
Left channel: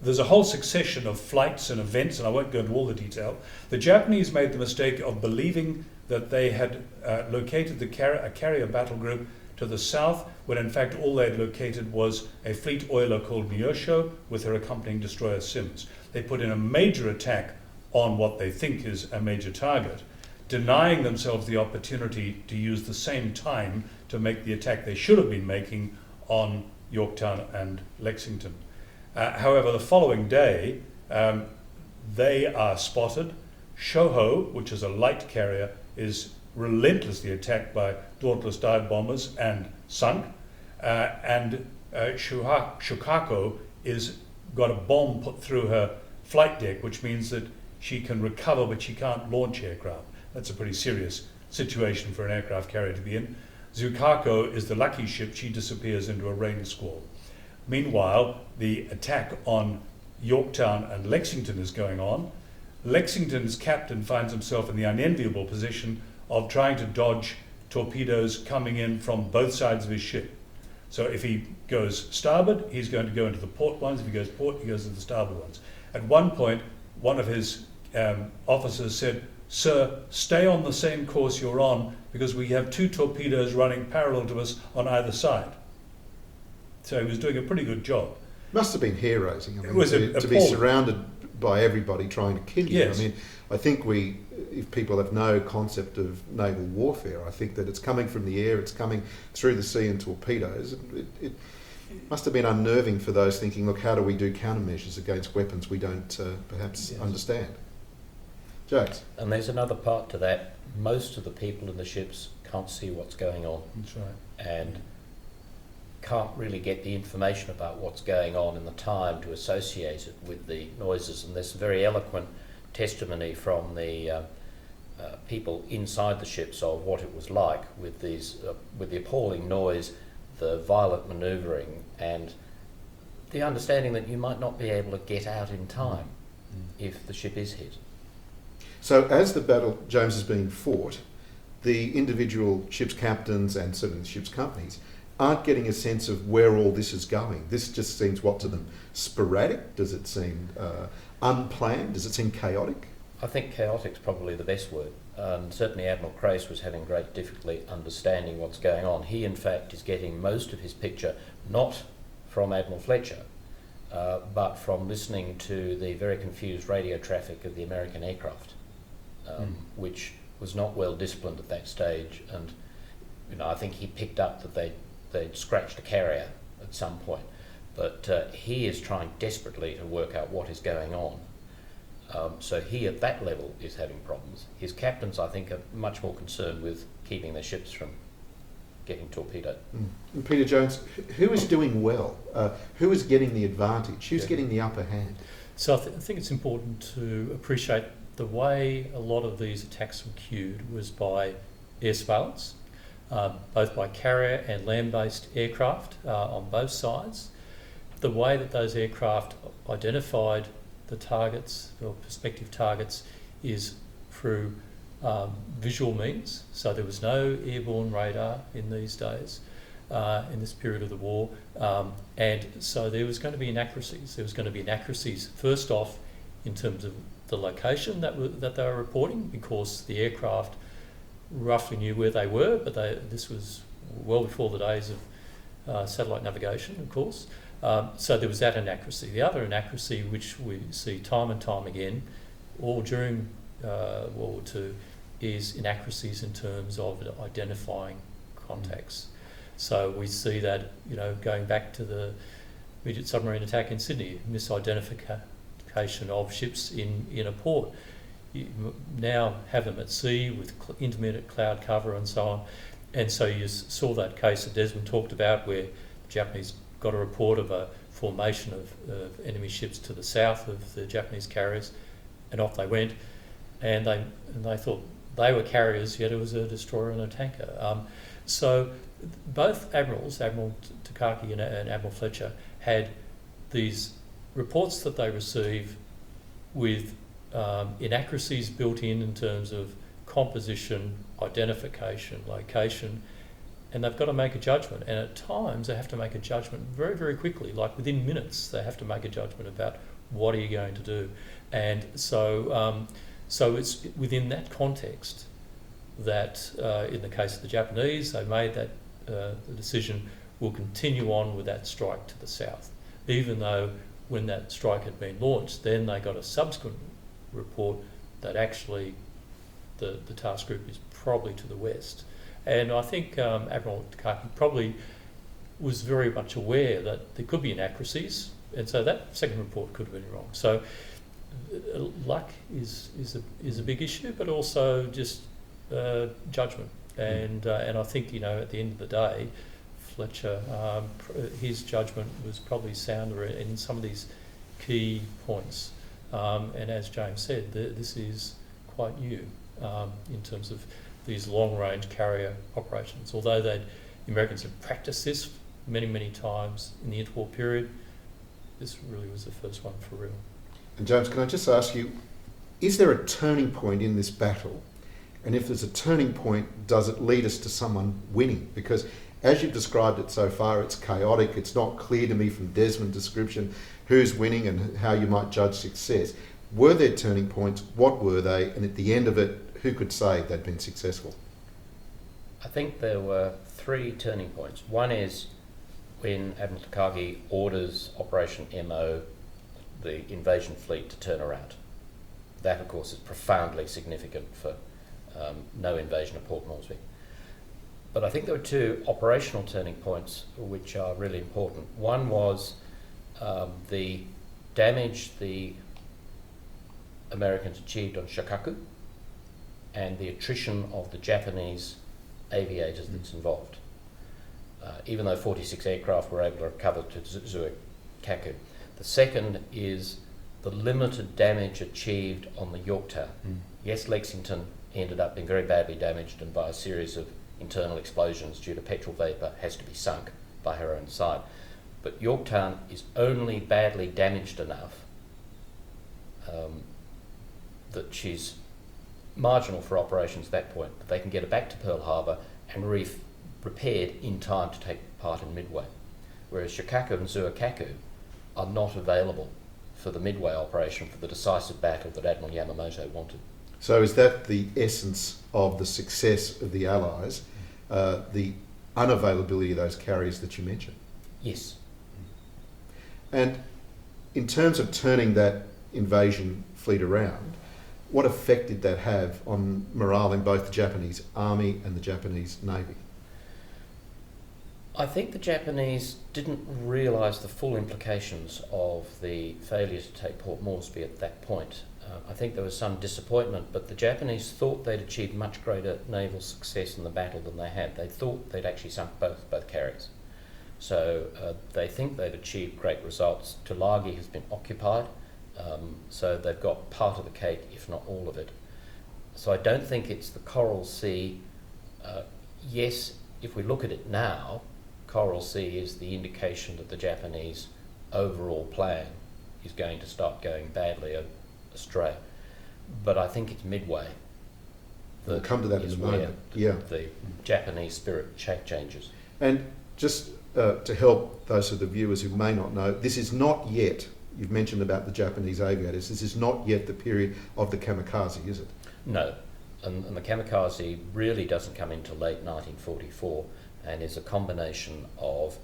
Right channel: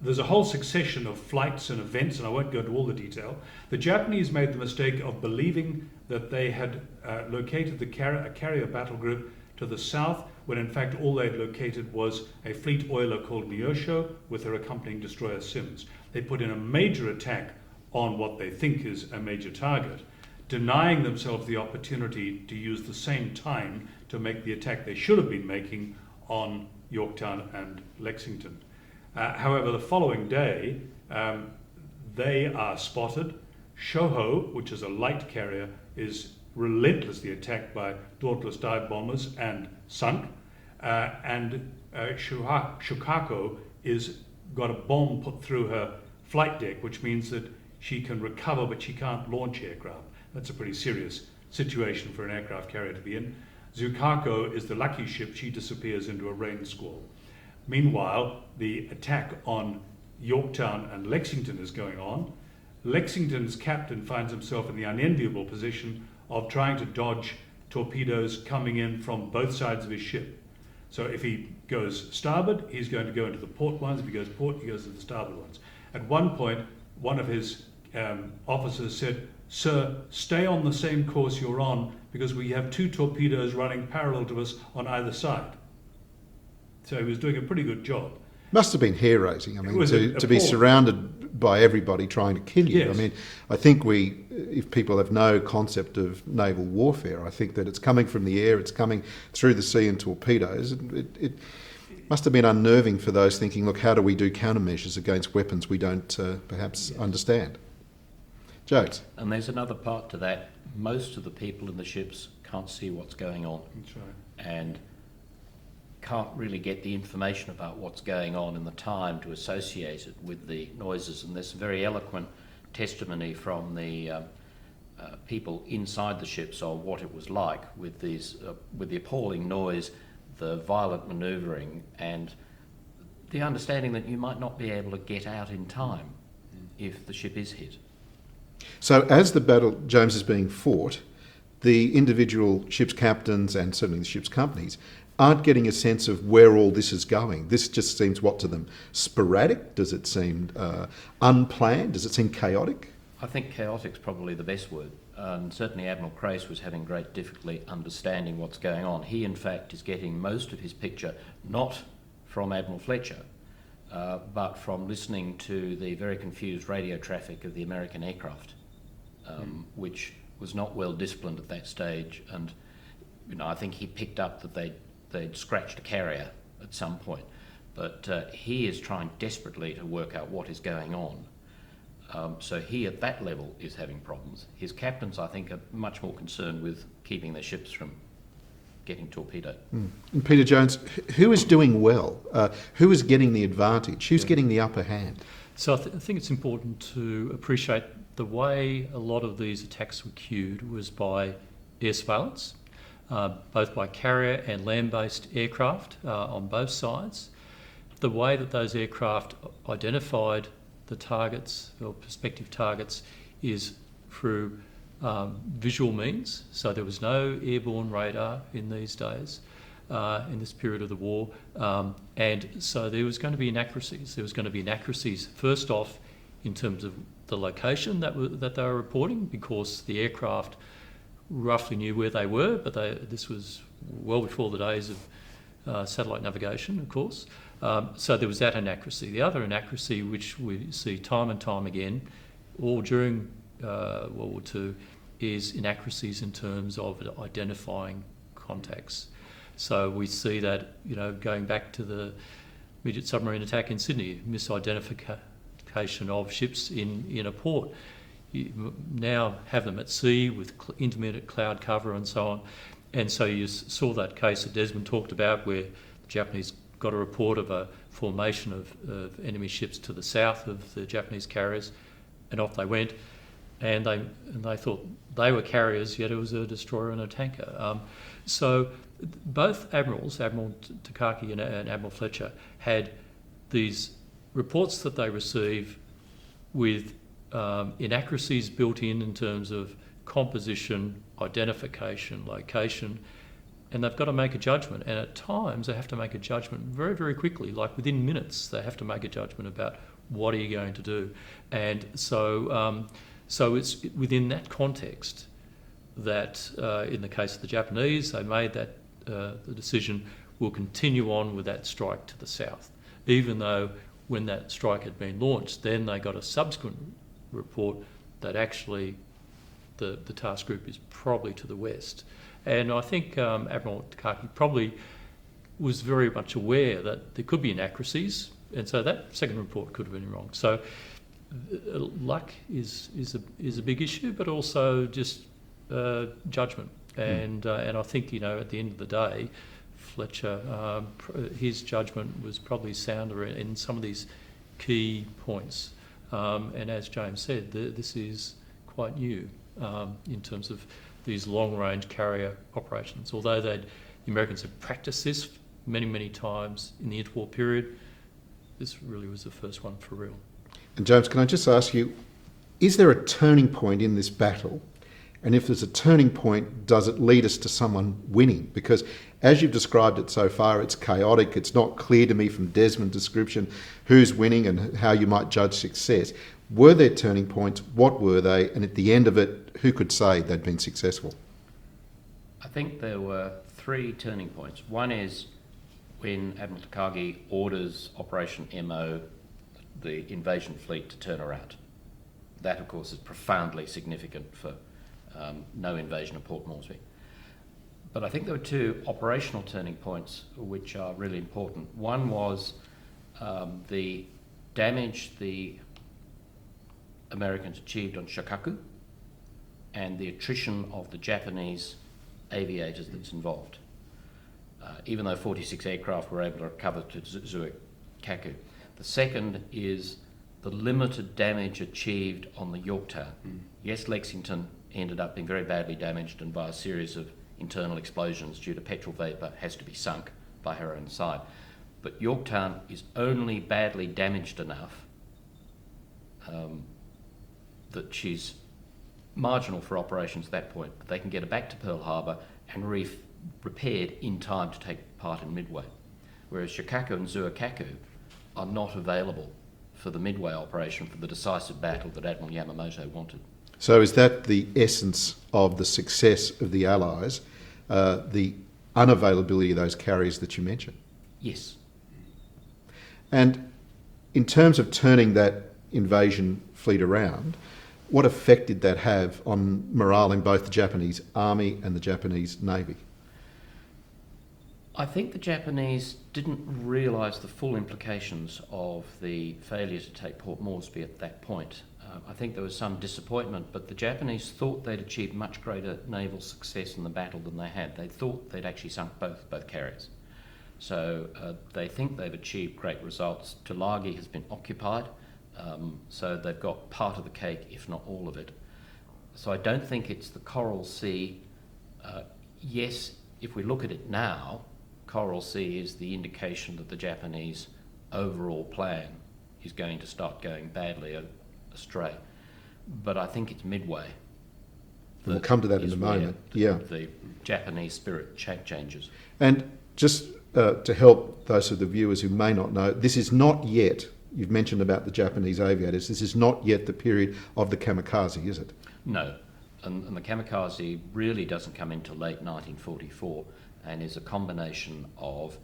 There's a whole succession of flights and events, and I won't go into all the detail. The Japanese made the mistake of believing that they had located a carrier battle group to the south, when in fact all they'd located was a fleet oiler called Neosho with her accompanying destroyer Sims. they put in a major attack on what they think is a major target, denying themselves the opportunity to use the same time to make the attack they should have been making on Yorktown and Lexington. However, the following day, they are spotted. Shoho, which is a light carrier, is relentlessly attacked by Dauntless dive bombers and sunk. And Shukako is got a bomb put through her flight deck, which means that she can recover, but she can't launch aircraft. That's a pretty serious situation for an aircraft carrier to be in. Zukako is the lucky ship. She disappears into a rain squall. Meanwhile, the attack on Yorktown and Lexington is going on. Lexington's captain finds himself in the unenviable position of trying to dodge torpedoes coming in from both sides of his ship. So if he goes starboard, he's going to go into the port ones. If he goes port, he goes to the starboard ones. At one point, one of his officers said, "Sir, stay on the same course you're on because we have 2 torpedoes running parallel to us on either side." So he was doing a pretty good job. Must have been hair-raising. I mean, to be appalling. surrounded by everybody trying to kill you. Yes. I mean, I think if people have no concept of naval warfare, I think that it's coming from the air, it's coming through the sea in torpedoes. It must have been unnerving for those thinking, look, how do we do countermeasures against weapons we don't perhaps understand? Jokes. And there's another part to that. Most of the people in the ships can't see what's going on. That's right. And can't really get the information about what's going on in the time to associate it with the noises. And there's very eloquent testimony from the people inside the ships of what it was like with these, with the appalling noise, the violent manoeuvring, and the understanding that you might not be able to get out in time if the ship is hit. So as the battle, James, is being fought, the individual ship's captains and certainly the ship's companies aren't getting a sense of where all this is going. This just seems, what to them, sporadic? Does it seem unplanned? Does it seem chaotic? I think chaotic's probably the best word. Certainly Admiral Crace was having great difficulty understanding what's going on. He, in fact, is getting most of his picture not from Admiral Fletcher, but from listening to the very confused radio traffic of the American aircraft, which was not well disciplined at that stage. And I think he picked up that they'd scratched a carrier at some point. But he is trying desperately to work out what is going on. So he, at that level, is having problems. His captains, I think, are much more concerned with keeping their ships from getting torpedoed. And Peter Jones, who is doing well? Who is getting the advantage? Who's getting the upper hand? So I think it's important to appreciate the way a lot of these attacks were cued was by air surveillance, both by carrier and land-based aircraft on both sides. The way that those aircraft identified the targets or prospective targets is through visual means. So there was no airborne radar in these days, in this period of the war. And so there was going to be inaccuracies. There was going to be inaccuracies, first off, in terms of the location that they were reporting, because the aircraft roughly knew where they were, but this was well before the days of satellite navigation, of course. So there was that inaccuracy. The other inaccuracy, which we see time and time again, all during World War II, is inaccuracies in terms of identifying contacts. So we see that, going back to the immediate submarine attack in Sydney, misidentification of ships in a port. You now have them at sea with intermittent cloud cover and so on. And so you saw that case that Desmond talked about where the Japanese got a report of a formation of enemy ships to the south of the Japanese carriers, and off they went, and they thought they were carriers, yet it was a destroyer and a tanker. So both admirals, Admiral Takaki and Admiral Fletcher, had these reports that they receive with inaccuracies built in terms of composition, identification, location, and they've got to make a judgment. And at times they have to make a judgment very, very quickly, like within minutes they have to make a judgment about what are you going to do. And so it's within that context that in the case of the Japanese, they made that the decision, we'll continue on with that strike to the south, even though when that strike had been launched, then they got a subsequent report that actually the task group is probably to the west. And I think Admiral Fletcher probably was very much aware that there could be inaccuracies, and so that second report could have been wrong. So luck is a big issue, but also just judgment. And I think, you know, at the end of the day, Fletcher, his judgment was probably sounder in some of these key points. And as James said, this is quite new in terms of these long-range carrier operations. Although the Americans had practiced this many, many times in the interwar period, this really was the first one for real. And James, can I just ask you, is there a turning point in this battle? And if there's a turning point, does it lead us to someone winning? Because as you've described it so far, it's chaotic. It's not clear to me from Desmond's description who's winning and how you might judge success. Were there turning points? What were they? And at the end of it, who could say they'd been successful? I think there were 3 turning points. One is when Admiral Takagi orders Operation MO, the invasion fleet, to turn around. That, of course, is profoundly significant for no invasion of Port Moresby. But I think there were 2 operational turning points which are really important. One was the damage the Americans achieved on Shikaku and the attrition of the Japanese aviators that's involved. Even though 46 aircraft were able to recover to Zuikaku. The second is the limited damage achieved on the Yorktown. Yes, Lexington ended up being very badly damaged and by a series of internal explosions due to petrol vapour has to be sunk by her own side. But Yorktown is only badly damaged enough that she's marginal for operations at that point, but they can get her back to Pearl Harbor and repaired in time to take part in Midway. Whereas Shikaku and Zuikaku are not available for the Midway operation for the decisive battle that Admiral Yamamoto wanted. So is that the essence of the success of the Allies, the unavailability of those carriers that you mentioned? Yes. And in terms of turning that invasion fleet around, what effect did that have on morale in both the Japanese Army and the Japanese Navy? I think the Japanese didn't realise the full implications of the failure to take Port Moresby at that point. I think there was some disappointment, but the Japanese thought they'd achieved much greater naval success in the battle than they had. They thought they'd actually sunk both carriers. So they think they've achieved great results. Tulagi has been occupied, so they've got part of the cake, if not all of it. So I don't think it's the Coral Sea. Yes, if we look at it now, Coral Sea is the indication that the Japanese overall plan is going to start going badly astray. But I think it's Midway. We'll come to that in a moment. Yeah. The Japanese spirit changes. And just to help those of the viewers who may not know, this is not yet, you've mentioned about the Japanese aviators, this is not yet the period of the kamikaze, is it? No. And the kamikaze really doesn't come into late 1944 and is a combination of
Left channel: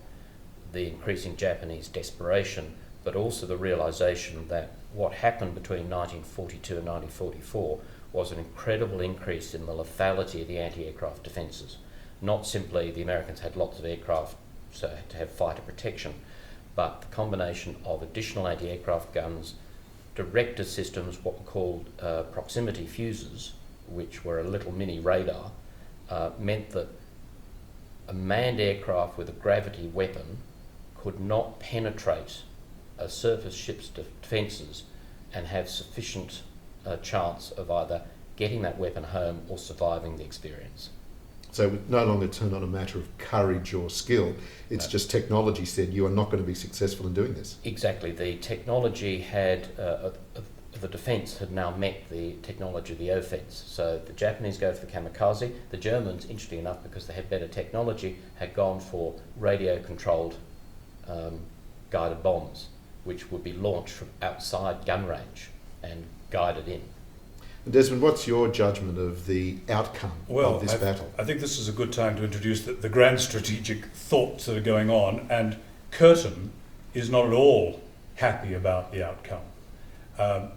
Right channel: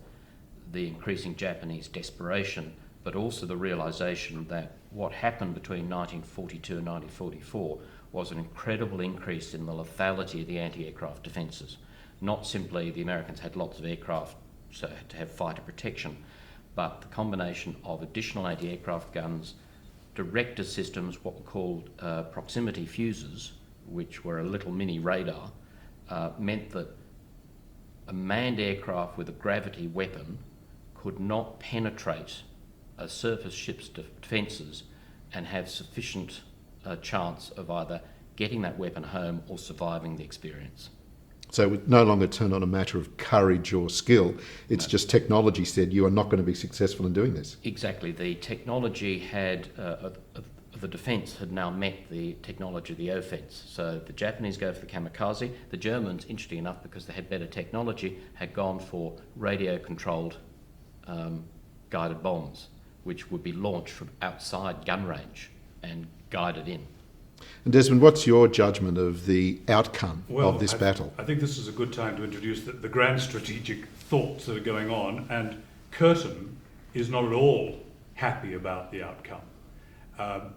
the increasing Japanese desperation, but also the realisation that what happened between 1942 and 1944 was an incredible increase in the lethality of the anti-aircraft defences. Not simply the Americans had lots of aircraft, so had to have fighter protection, but the combination of additional anti-aircraft guns, director systems, what were called proximity fuses, which were a little mini radar, meant that a manned aircraft with a gravity weapon could not penetrate a surface ship's defences and have sufficient chance of either getting that weapon home or surviving the experience. So it no longer turned on a matter of courage or skill, it's just technology said you are not going to be successful in doing this. Exactly. The technology had, the defence had now met the technology of the offence. So the Japanese go for the kamikaze. The Germans, interesting enough, because they had better technology, had gone for radio-controlled guided bombs, which would be launched from outside gun range and guided in. And Desmond, what's your judgment of the outcome of this battle? I think this is a good time to introduce the grand strategic thoughts that are going on, and Curtin is not at all happy about the outcome.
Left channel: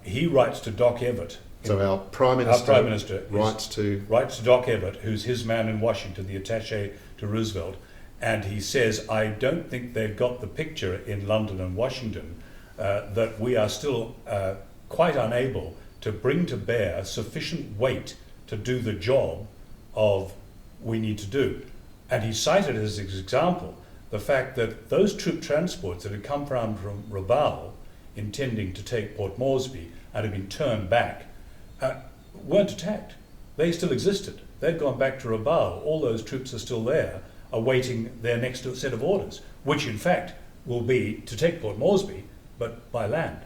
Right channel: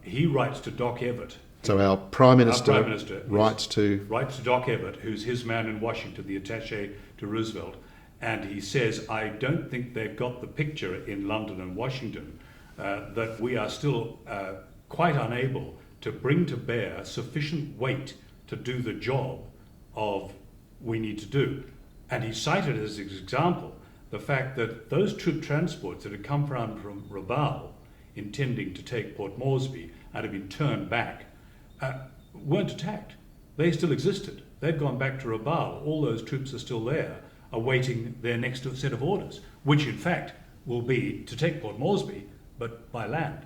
He writes to Doc Everett. So our Prime Minister, writes to Doc Everett, who's his man in Washington, the attaché to Roosevelt, and he says, I don't think they've got the picture in London and Washington that we are still quite unable to bring to bear sufficient weight to do the job of we need to do. And he cited as an example the fact that those troop transports that had come from Rabaul intending to take Port Moresby and had been turned back weren't attacked. They still existed. They'd gone back to Rabaul. All those troops are still there, awaiting their next set of orders, which in fact will be to take Port Moresby, but by land.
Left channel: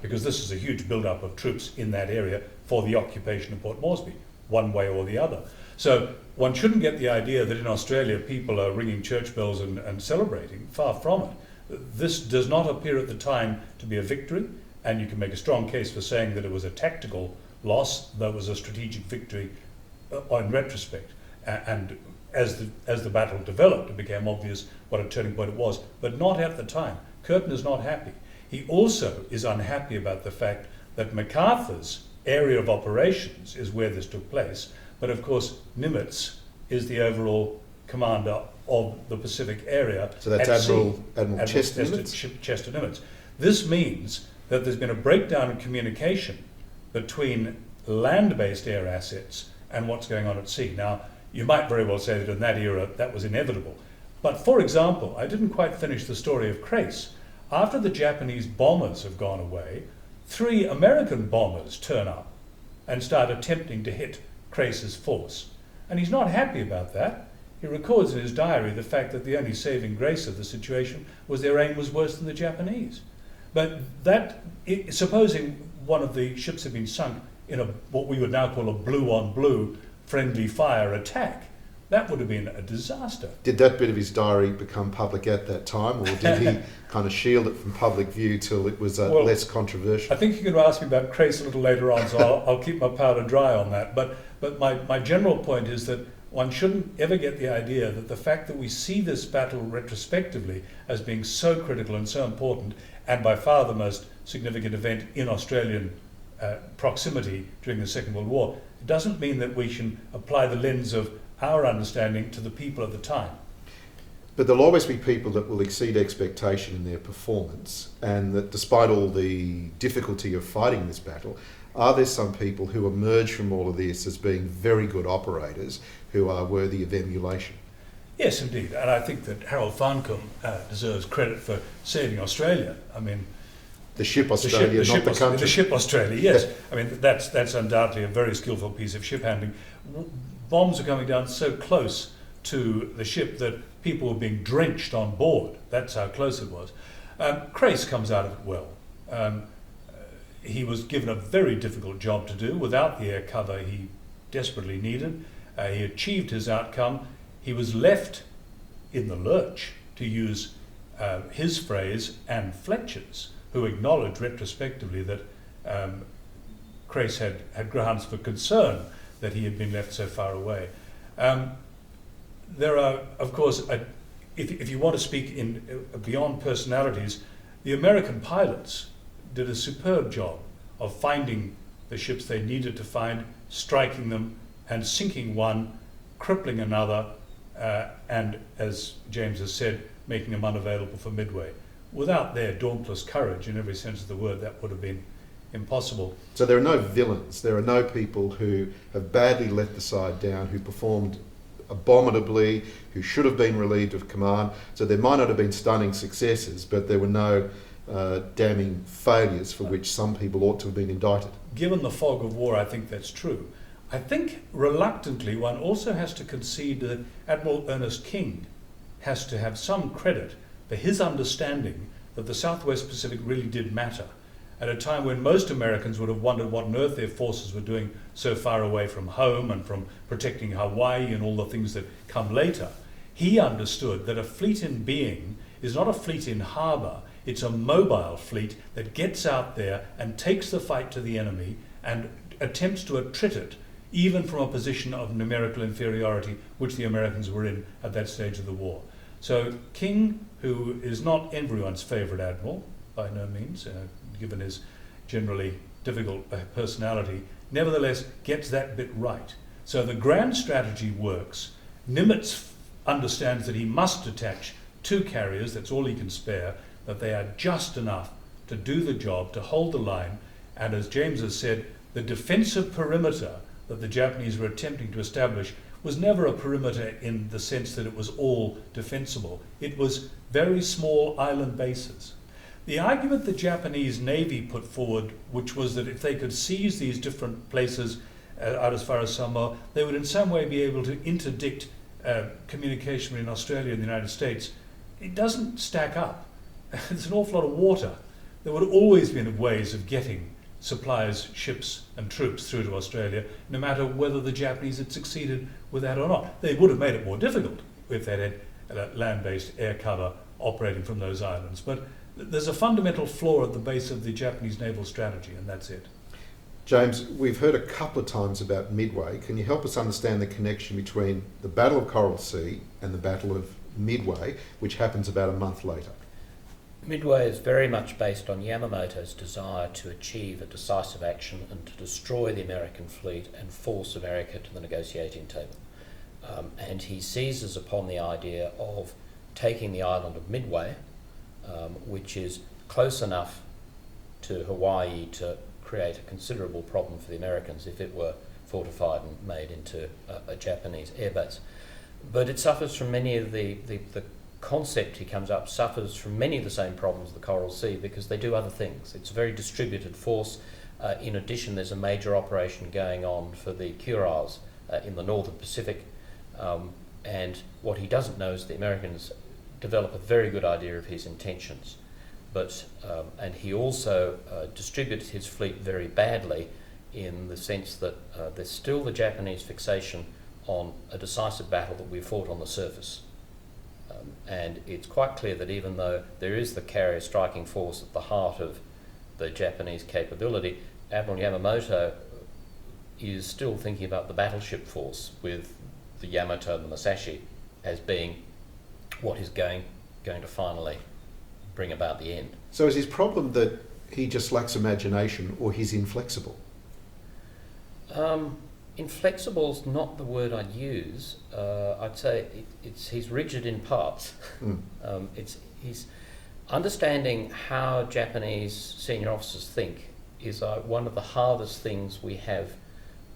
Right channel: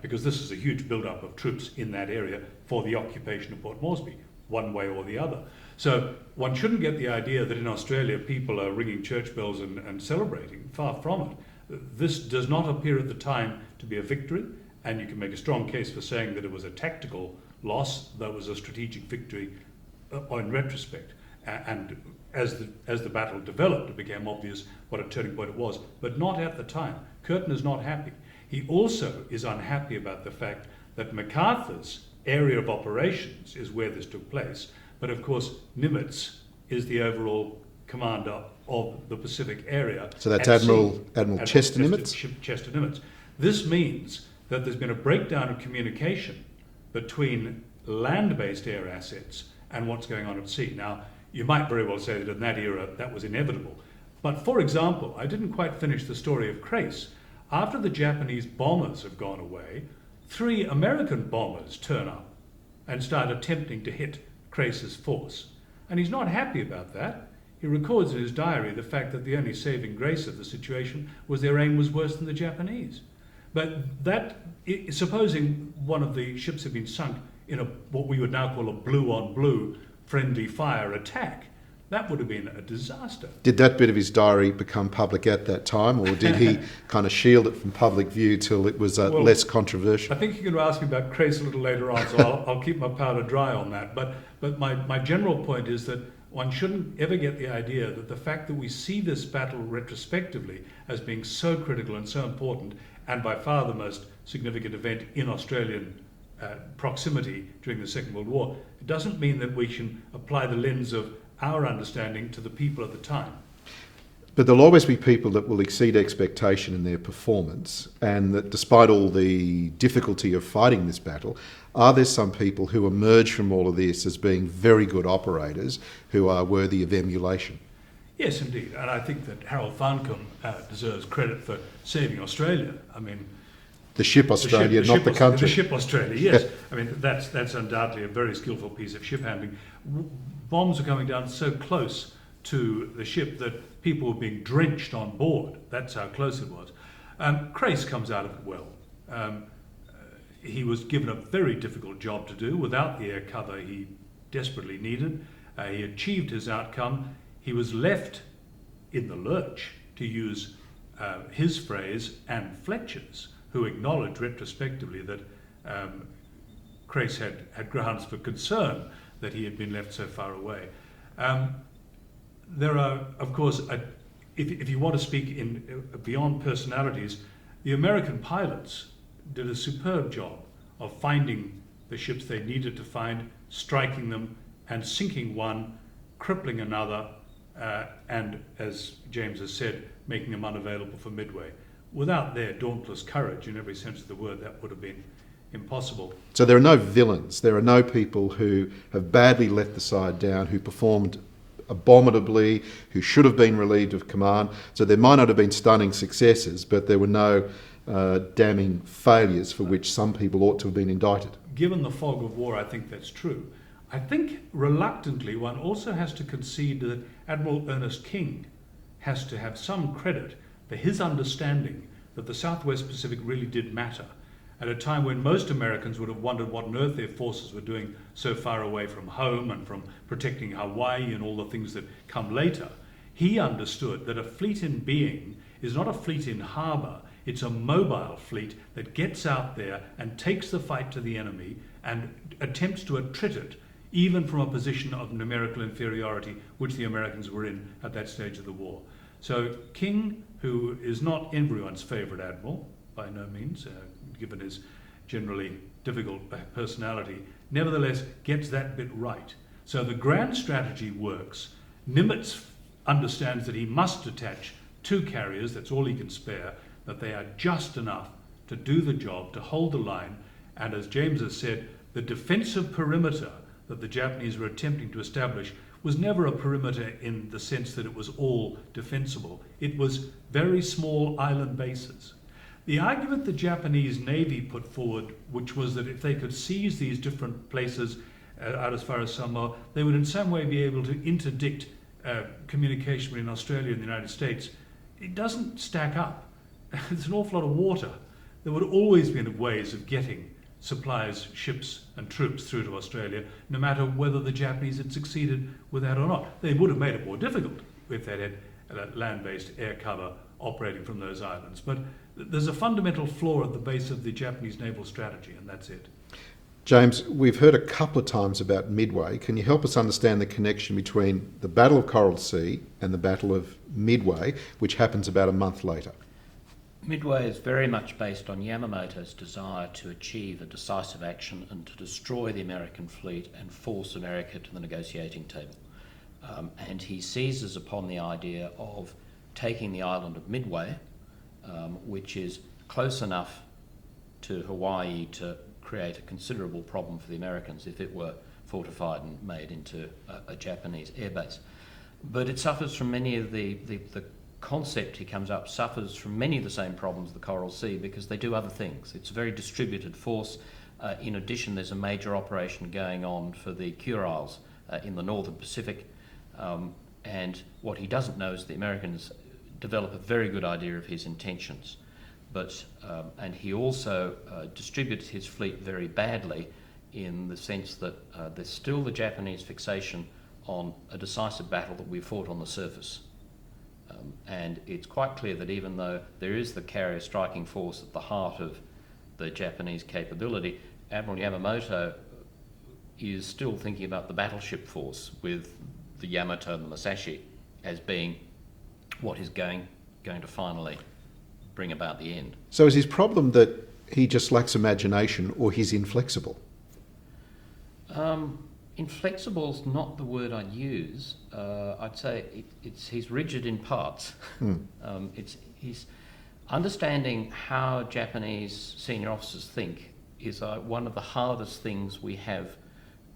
Because this is a huge build-up of troops in that area for the occupation of Port Moresby, one way or the other. So one shouldn't get the idea that in Australia people are ringing church bells and celebrating. Far from it. This does not appear at the time to be a victory, and you can make a strong case for saying that it was a tactical loss, that was a strategic victory in retrospect. And as the battle developed, it became obvious what a turning point it was, but not at the time. Curtin is not happy. He also is unhappy about the fact that MacArthur's area of operations is where this took place, but of course Nimitz is the overall commander of the Pacific area. So that's Admiral Chester Nimitz? Chester Nimitz. This means that there's been a breakdown in communication between land-based air assets and what's going on at sea. Now, you might very well say that in that era that was inevitable. But for example, I didn't quite finish the story of Crace. After the Japanese bombers have gone away, 3 American bombers turn up and start attempting to hit Crace's force. And he's not happy about that. He records in his diary the fact that the only saving grace of the situation was their aim was worse than the Japanese. But supposing one of the ships had been sunk in what we would now call a blue-on-blue friendly fire attack, that would have been a disaster. Did that bit of his diary become public at that time, or did he kind of shield it from public view till it was less controversial? I think you're going to ask me about Crace a little later on, so I'll keep my powder dry on that. But my general point is that one shouldn't ever get the idea that the fact that we see this battle retrospectively as being so critical and so important, and by far the most significant event in Australian proximity during the Second World War, it doesn't mean that we can apply the lens of our understanding to the people at the time. But there'll always be people that will exceed expectation in their performance, and that despite all the difficulty of fighting this battle, are there some people who emerge from all of this as being very good operators who are worthy of emulation? Yes, indeed. And I think that Harold Farncombe deserves credit for saving Australia. I mean, the ship Australia, not the country. The ship Australia, yes. I mean, that's undoubtedly a very skillful piece of ship handling. Bombs are coming down so close to the ship that people were being drenched on board. That's how close it was. Crace comes out of it well. He was given a very difficult job to do without the air cover he desperately needed. He achieved his outcome. He was left in the lurch, to use his phrase and Fletcher's, who acknowledged retrospectively that Crace had grounds for concern that he had been left so far away. There are, of course, if you want to speak in beyond personalities, the American pilots did a superb job of finding the ships they needed to find, striking them and sinking one, crippling another, and, as James has said, making them unavailable for Midway. Without their dauntless courage, in every sense of the word, that would have been impossible. So there are no villains. There are no people who have badly let the side down, who performed abominably, who should have been relieved of command. So there might not have been stunning successes, but there were no damning failures for which some people ought to have been indicted. Given the fog of war, I think that's true. I think reluctantly one also has to concede that Admiral Ernest King has to have some credit for his understanding that the Southwest Pacific really did matter at a time when most Americans would have wondered what on earth their forces were doing so far away from home and from protecting Hawaii and all the things that come later. He understood that a fleet in being is not a fleet in harbour, it's a mobile fleet that gets out there and takes the fight to the enemy and attempts to attrit it, even from a position of numerical inferiority, which the Americans were in at that stage of the war. So King, who is not everyone's favourite admiral, by no means, given his generally difficult personality, nevertheless gets that bit right. So the grand strategy works. Nimitz understands that he must detach 2 carriers, that's all he can spare, that they are just enough to do the job, to hold the line, and as James has said, the defensive perimeter that the Japanese were attempting to establish was never a perimeter in the sense that it was all defensible. It was very small island bases. The argument the Japanese Navy put forward, which was that if they could seize these different places out as far as Samoa, they would in some way be able to interdict communication between Australia and the United States, it doesn't stack up. There's an awful lot of water. There would always been ways of getting supplies, ships and troops through to Australia, no matter whether the Japanese had succeeded with that or not. They would have made it more difficult if they had land-based air cover operating from those islands. But there's a fundamental flaw at the base of the Japanese naval strategy, and that's it. James, we've heard a couple of times about Midway. Can you help us understand the connection between the Battle of Coral Sea and the Battle of Midway, which happens about a month later? Midway is very much based on Yamamoto's desire to achieve a decisive action and to destroy the American fleet and force America to the negotiating table. And he seizes upon the idea of taking the island of Midway, which is close enough to Hawaii to create a considerable problem for the Americans if it were fortified and made into a Japanese airbase. But it suffers from many of the concept he comes up suffers from many of the same problems of the Coral Sea because they do other things. It's a very distributed force. In addition, there's a major operation going on for the Kurils in the northern Pacific. And what he doesn't know is the Americans develop a very good idea of his intentions. And he also distributes his fleet very badly in the sense that there's still the Japanese fixation on a decisive battle that we fought on the surface. And it's quite clear that even though there is the carrier striking force at the heart of the Japanese capability, Admiral Yamamoto is still thinking about the battleship force with the Yamato and the Musashi as being what is going to finally bring about the end. So is his problem that he just lacks imagination or he's inflexible? Inflexible is not the word I'd use. I'd say he's rigid in parts. He's understanding how Japanese senior officers think is one of the hardest things we have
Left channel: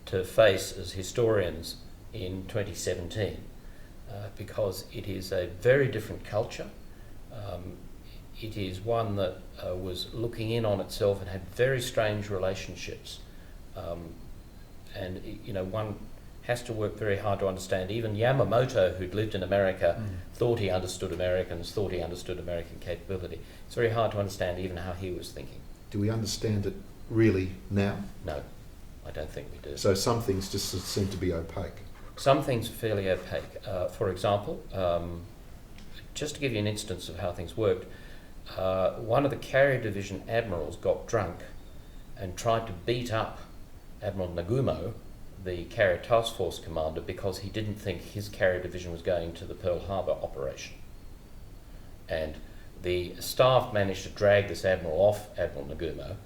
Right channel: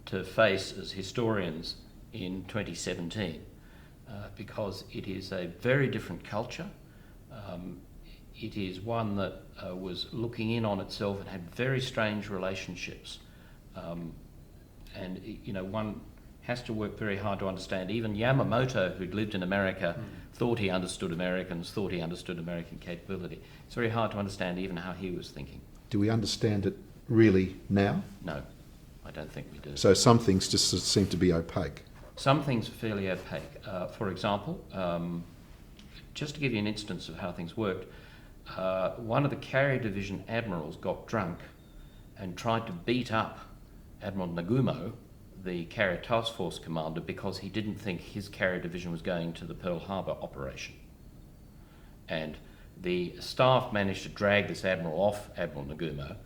to face as historians in 2017 because it is a very different culture. It is one that was looking in on itself and had very strange relationships. And one has to work very hard to understand. Even Yamamoto, who'd lived in America, thought he understood Americans, thought he understood American capability. It's very hard to understand even how he was thinking. Do we understand it really now? No, I don't think we do. So some things just seem to be opaque. Some things are fairly opaque. For example, just to give you an instance of how things worked, one of the carrier division admirals got drunk and tried to beat up Admiral Nagumo, the carrier task force commander, because he didn't think his carrier division was going to the Pearl Harbor operation. And the staff managed to drag this admiral off Admiral Nagumo,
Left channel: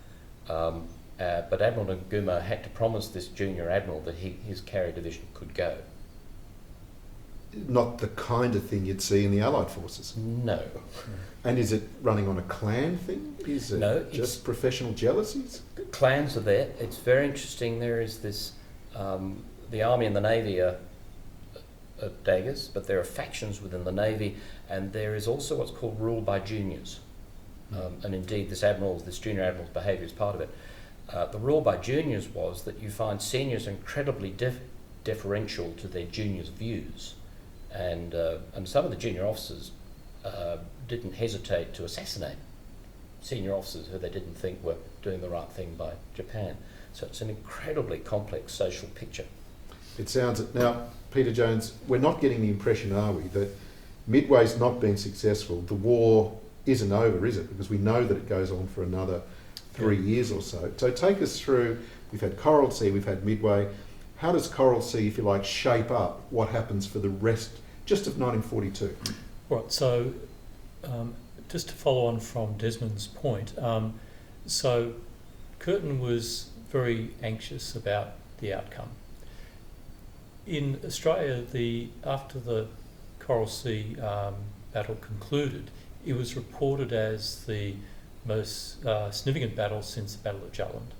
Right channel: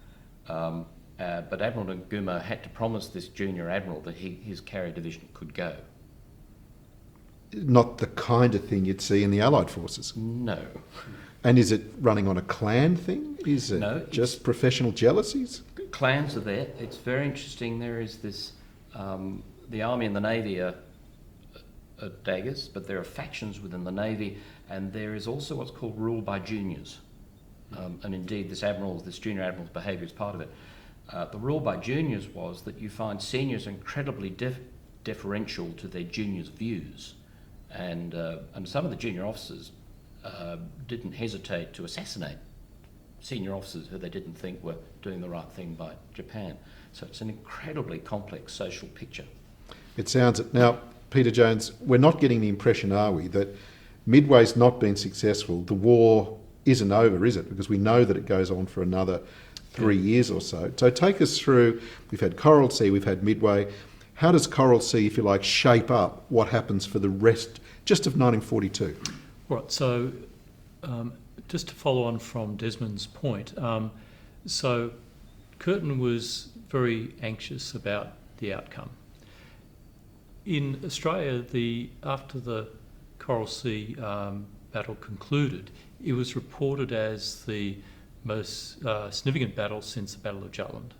but Admiral Nagumo had to promise this junior admiral that his carrier division could go. Not the kind of thing you'd see in the Allied forces? No. And is it running on a clan thing? Is it just professional jealousies? Clans are there. It's very interesting. There is this, the Army and the Navy are daggers, but there are factions within the Navy, and there is also what's called rule by juniors. And indeed, this junior admiral's behaviour is part of it. The rule by juniors was that you find seniors incredibly deferential to their juniors' views, and some of the junior officers didn't hesitate to assassinate senior officers who they didn't think were doing the right thing by Japan. So it's an incredibly complex social picture. It sounds it. Now, Peter Jones, we're not getting the impression, are we, that Midway's not been successful? The war isn't over, is it? Because we know that it goes on for another 3 years or so. So take us through, we've had Coral Sea, we've had Midway. How does Coral Sea, if you like, shape up what happens for the rest just of 1942? Right, so just to follow on from Desmond's point, so Curtin was very anxious about the outcome. In Australia, after the Coral Sea battle concluded, it was reported as the most significant battle since the Battle of Jutland.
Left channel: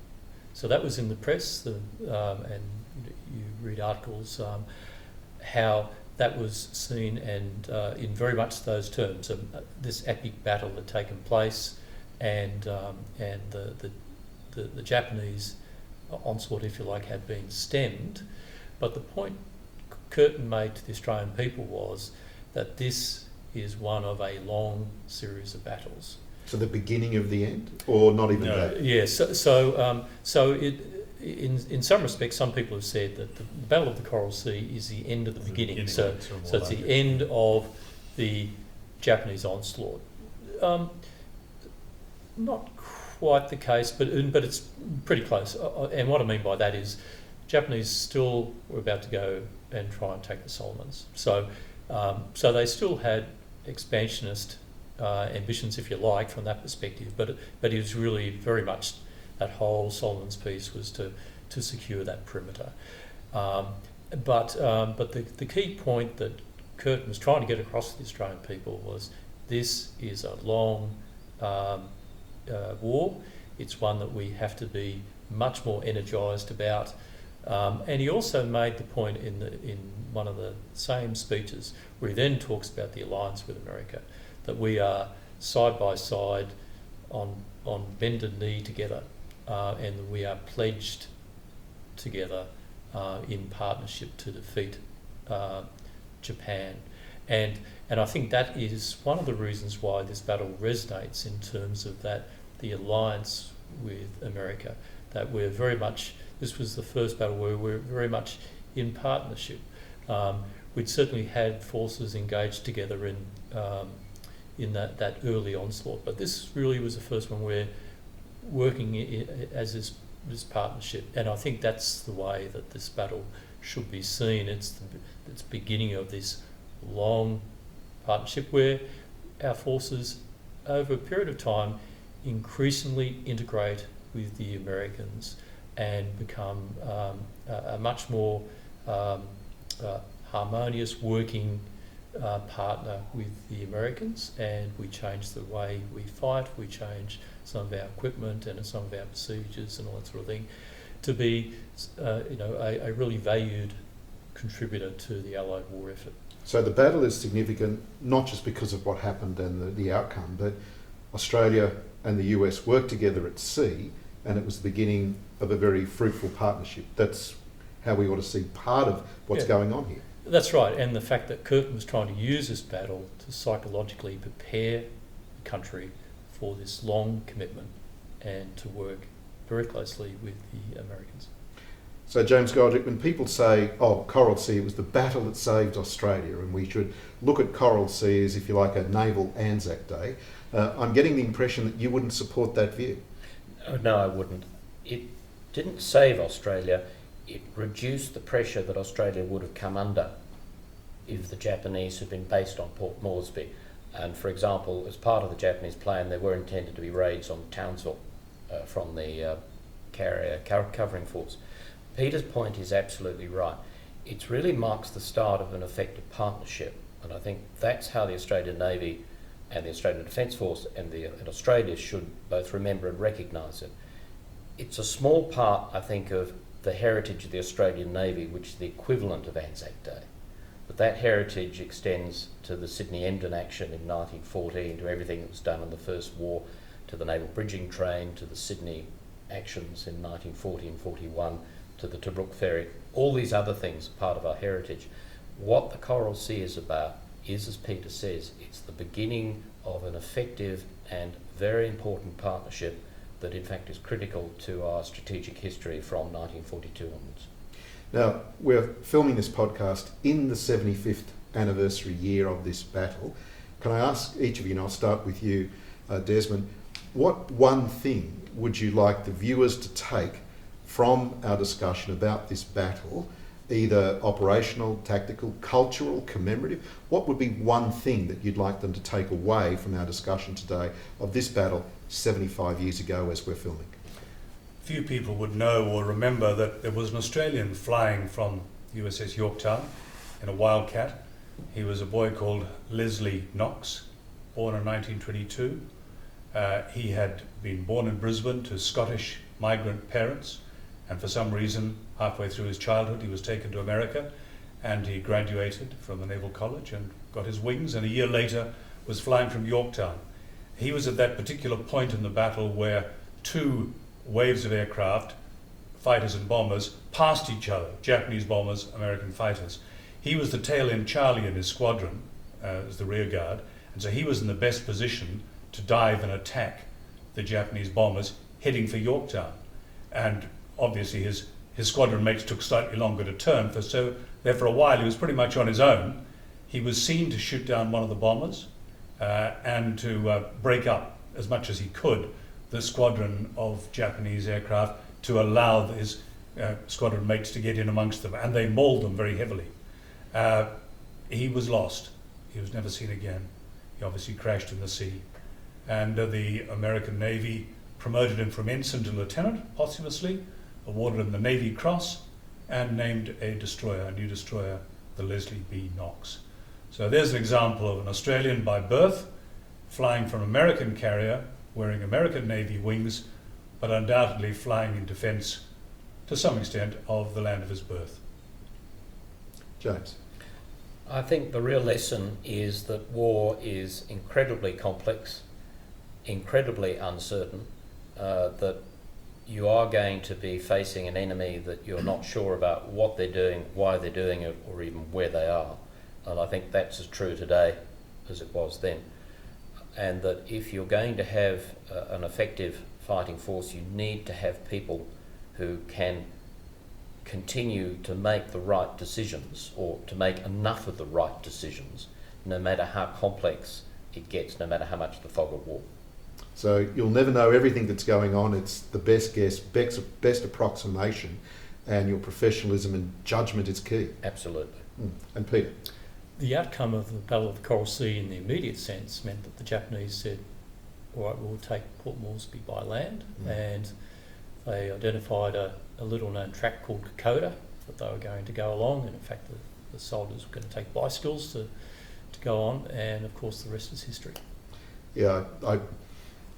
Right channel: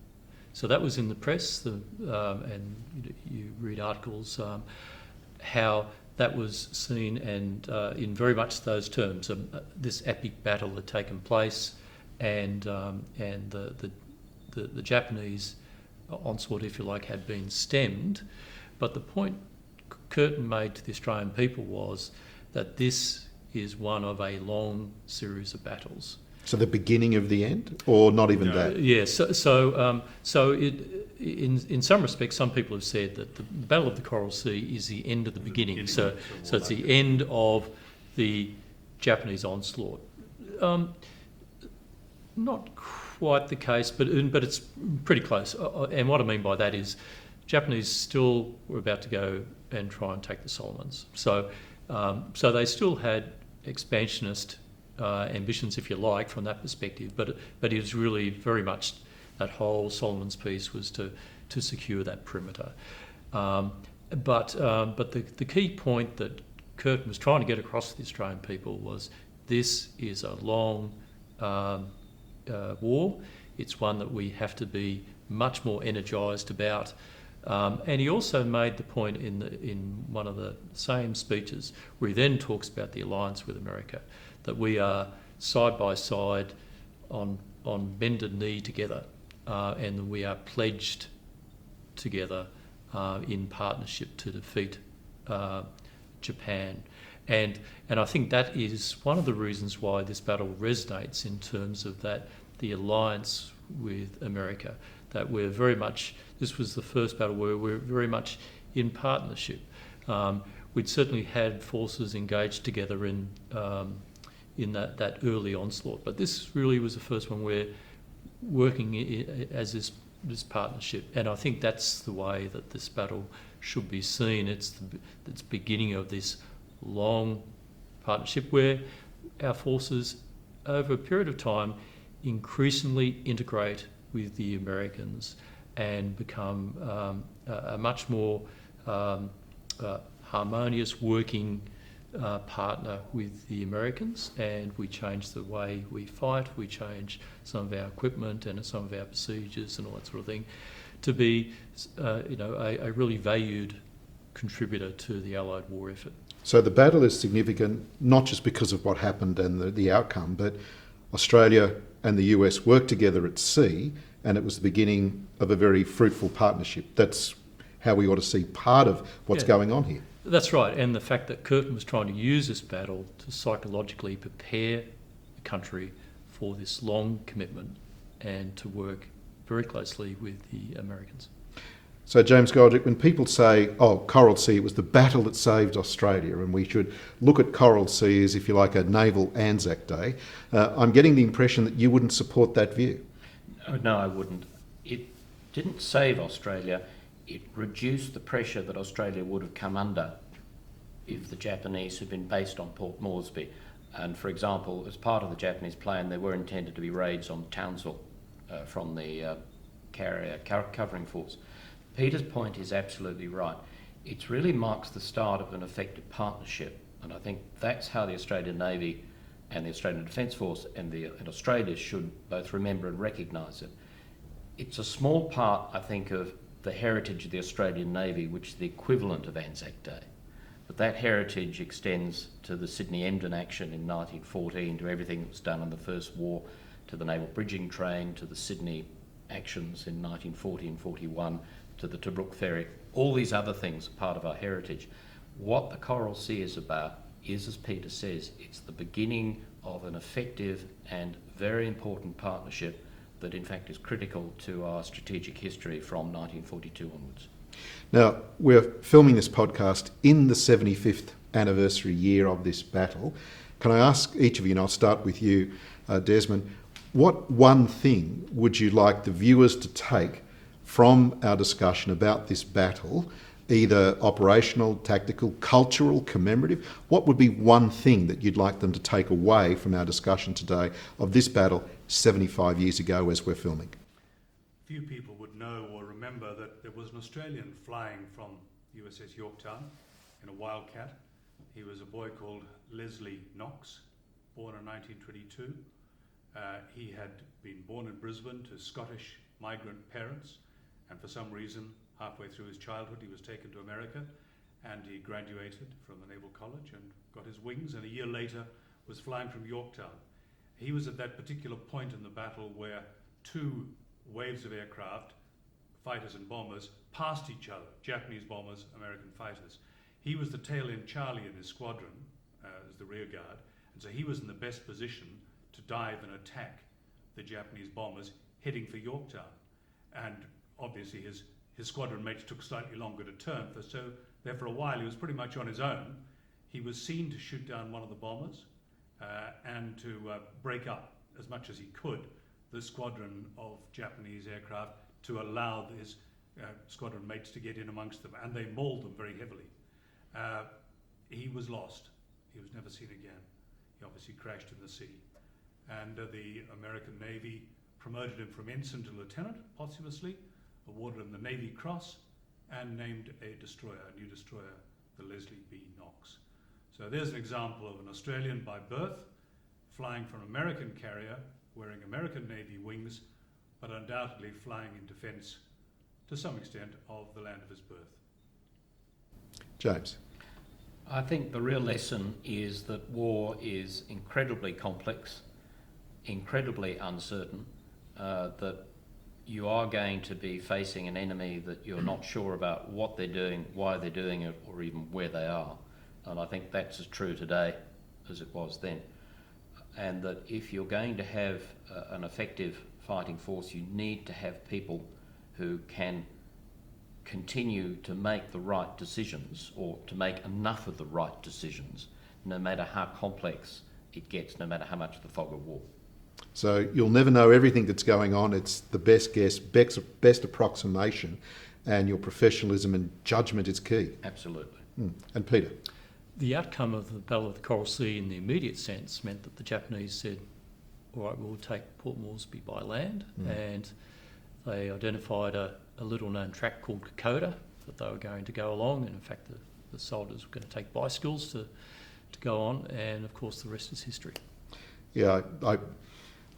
So that was in the press, and you read articles how that was seen, and in very much those terms, this epic battle had taken place, and the Japanese onslaught, if you like, had been stemmed. But the point Curtin made to the Australian people was that this is one of a long series of battles. So the beginning of the end, or not even that? Yeah. So in some respects, some people have said that the Battle of the Coral Sea is the end of the beginning. So it's the end of the Japanese onslaught. Not quite the case, but it's pretty close. And what I mean by that is, Japanese still were about to go and try and take the Solomons. So they still had expansionist ambitions, if you like, from that perspective. But it was really very much that whole Solomons piece was to secure that perimeter. But the key point that Curtin was trying to get across to the Australian people was this is a long war. It's one that we have to be much more energised about. And he also made the point in one of the same speeches, where he then talks about the alliance with America, that we are side by side on bended knee together, and that we are pledged together in partnership to defeat Japan. And I think that is one of the reasons why this battle resonates in terms of the alliance with America, that we're very much, this was the first battle where we're very much in partnership. We'd certainly had forces engaged together in that early onslaught, but this really was the first one where working as this partnership, and I think that's the way that this battle should be seen. It's the beginning of this long partnership where our forces, over a period of time, increasingly integrate with the Americans and become a much more harmonious working partner with the Americans, and we change the way we fight, we change some of our equipment and some of our procedures and all that sort of thing to be a really valued contributor to the Allied war effort. So the battle is significant not just because of what happened and the outcome, but Australia and the US worked together at sea, and it was the beginning of a very fruitful partnership. That's how we ought to see part of what's going on here. That's right, and the fact that Curtin was trying to use this battle to psychologically prepare the country for this long commitment and to work very closely with the Americans. So James Goldrick, when people say, Coral Sea, it was the battle that saved Australia, and we should look at Coral Sea as, if you like, a naval Anzac Day, I'm getting the impression that you wouldn't support that view. No, I wouldn't. It didn't save Australia. It reduced the pressure that Australia would have come under if the Japanese had been based on Port Moresby. And for example, as part of the Japanese plan, there were intended to be raids on Townsville from the carrier covering force. Peter's point is absolutely right. It really marks the start of an effective partnership, and I think that's how the Australian Navy and the Australian Defence Force and Australia should both remember and recognise it. It's a small part, I think, of the heritage of the Australian Navy, which is the equivalent of Anzac Day. But that heritage extends to the Sydney-Emden action in 1914, to everything that was done in the First War, to the naval bridging train, to the Sydney actions in 1940 and 41, to the Tobruk ferry. All these other things are part of our heritage. What the Coral Sea is about is, as Peter says, it's the beginning of an effective and very important partnership that in fact is critical to our strategic history from 1942 onwards. Now, we're filming this podcast in the 75th anniversary year of this battle. Can I ask each of you, and I'll start with you, Desmond, what one thing would you like the viewers to take from our discussion about this battle either operational, tactical, cultural, commemorative? What would be one thing that you'd like them to take away from our discussion today of this battle 75 years ago as we're filming? Few people would know or remember that there was an Australian flying from USS Yorktown in a Wildcat. He was a boy called Leslie Knox, born in 1922. He had been born in Brisbane to Scottish migrant parents, and for some reason, halfway through his childhood, he was taken to America, and he graduated from the Naval College and got his wings, and a year later was flying from Yorktown. He was at that particular point in the battle where two waves of aircraft, fighters and bombers, passed each other, Japanese bombers, American fighters. He was the tail-end Charlie in his squadron, as the rear guard, and so he was in the best position to dive and attack the Japanese bombers heading for Yorktown. And obviously his squadron mates took slightly longer to turn, so there for a while he was pretty much on his own. He was seen to shoot down one of the bombers and to break up as much as he could the squadron of Japanese aircraft to allow his squadron mates to get in amongst them, and they mauled them very heavily. He was lost. He was never seen again. He obviously crashed in the sea. And the American Navy promoted him from ensign to lieutenant, posthumously, awarded him the Navy Cross, and named a new destroyer, the Leslie B. Knox. So there's an example of an Australian by birth, flying from an American carrier, wearing American Navy wings, but undoubtedly flying in defence, to some extent, of the land of his birth. James? I think the real lesson is that war is incredibly complex, incredibly uncertain, that you are going to be facing an enemy that you're not sure about what they're doing, why they're doing it, or even where they are. And I think that's as true today as it was then. And that if you're going to have an effective fighting force, you need to have people who can continue to make the right decisions, or to make enough of the right decisions, no matter how complex it gets, no matter how much the fog of war. So you'll never know everything that's going on. It's the best guess, best approximation, and your professionalism and judgment is key. Absolutely. And Peter? The outcome of the Battle of the Coral Sea in the immediate sense meant that the Japanese said, all right, we'll take Port Moresby by land, and they identified a little known track called Kokoda that they were going to go along, and in fact the soldiers were going to take bicycles to go on, and of course the rest is history. Yeah, I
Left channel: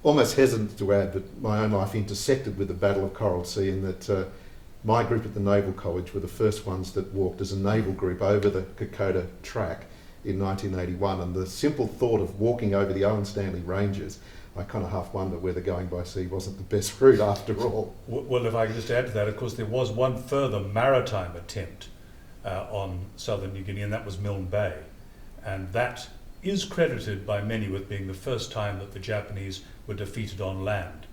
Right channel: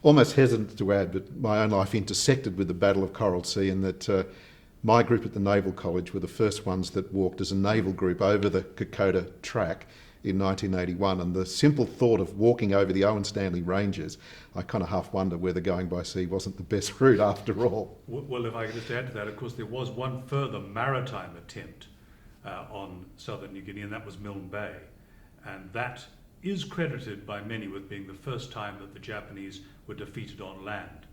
almost hesitant to add that my own life intersected with the Battle of Coral Sea, and that my group at the Naval College were the first ones that walked as a naval group over the Kokoda track in 1981, and the simple thought of walking over the Owen Stanley Ranges, I kind of half wonder whether going by sea wasn't the best route after all. Well, if I could just add to that, of course, there was one further maritime attempt on southern New Guinea, and that was Milne Bay. And that is credited by many with being the first time that the Japanese were defeated on land.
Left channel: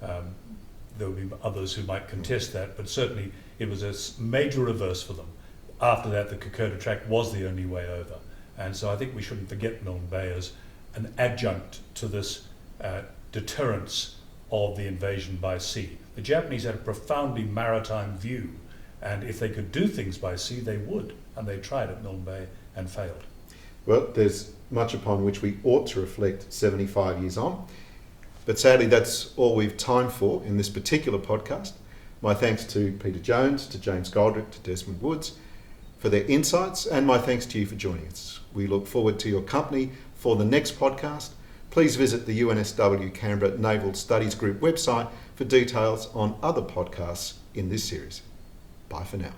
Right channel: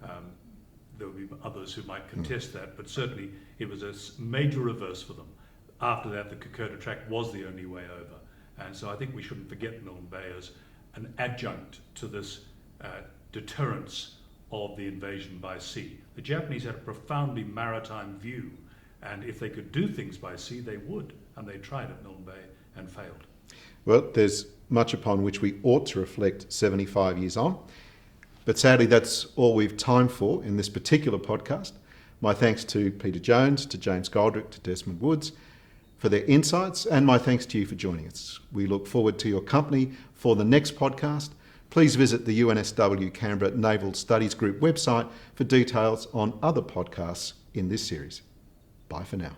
There would be others who might contest that, but certainly it was a major reverse for them. After that, the Kokoda track was the only way over. And so I think we shouldn't forget Milne Bay as an adjunct to this deterrence of the invasion by sea. The Japanese had a profoundly maritime view, and if they could do things by sea, they would, and they tried at Milne Bay and failed. Well, there's much upon which we ought to reflect 75 years on, but sadly that's all we've time for in this particular podcast. My thanks to Peter Jones, to James Goldrick, to Desmond Woods for their insights, and my thanks to you for joining us. We look forward to your company for the next podcast. Please visit the UNSW Canberra Naval Studies Group website for details on other podcasts in this series. Bye for now.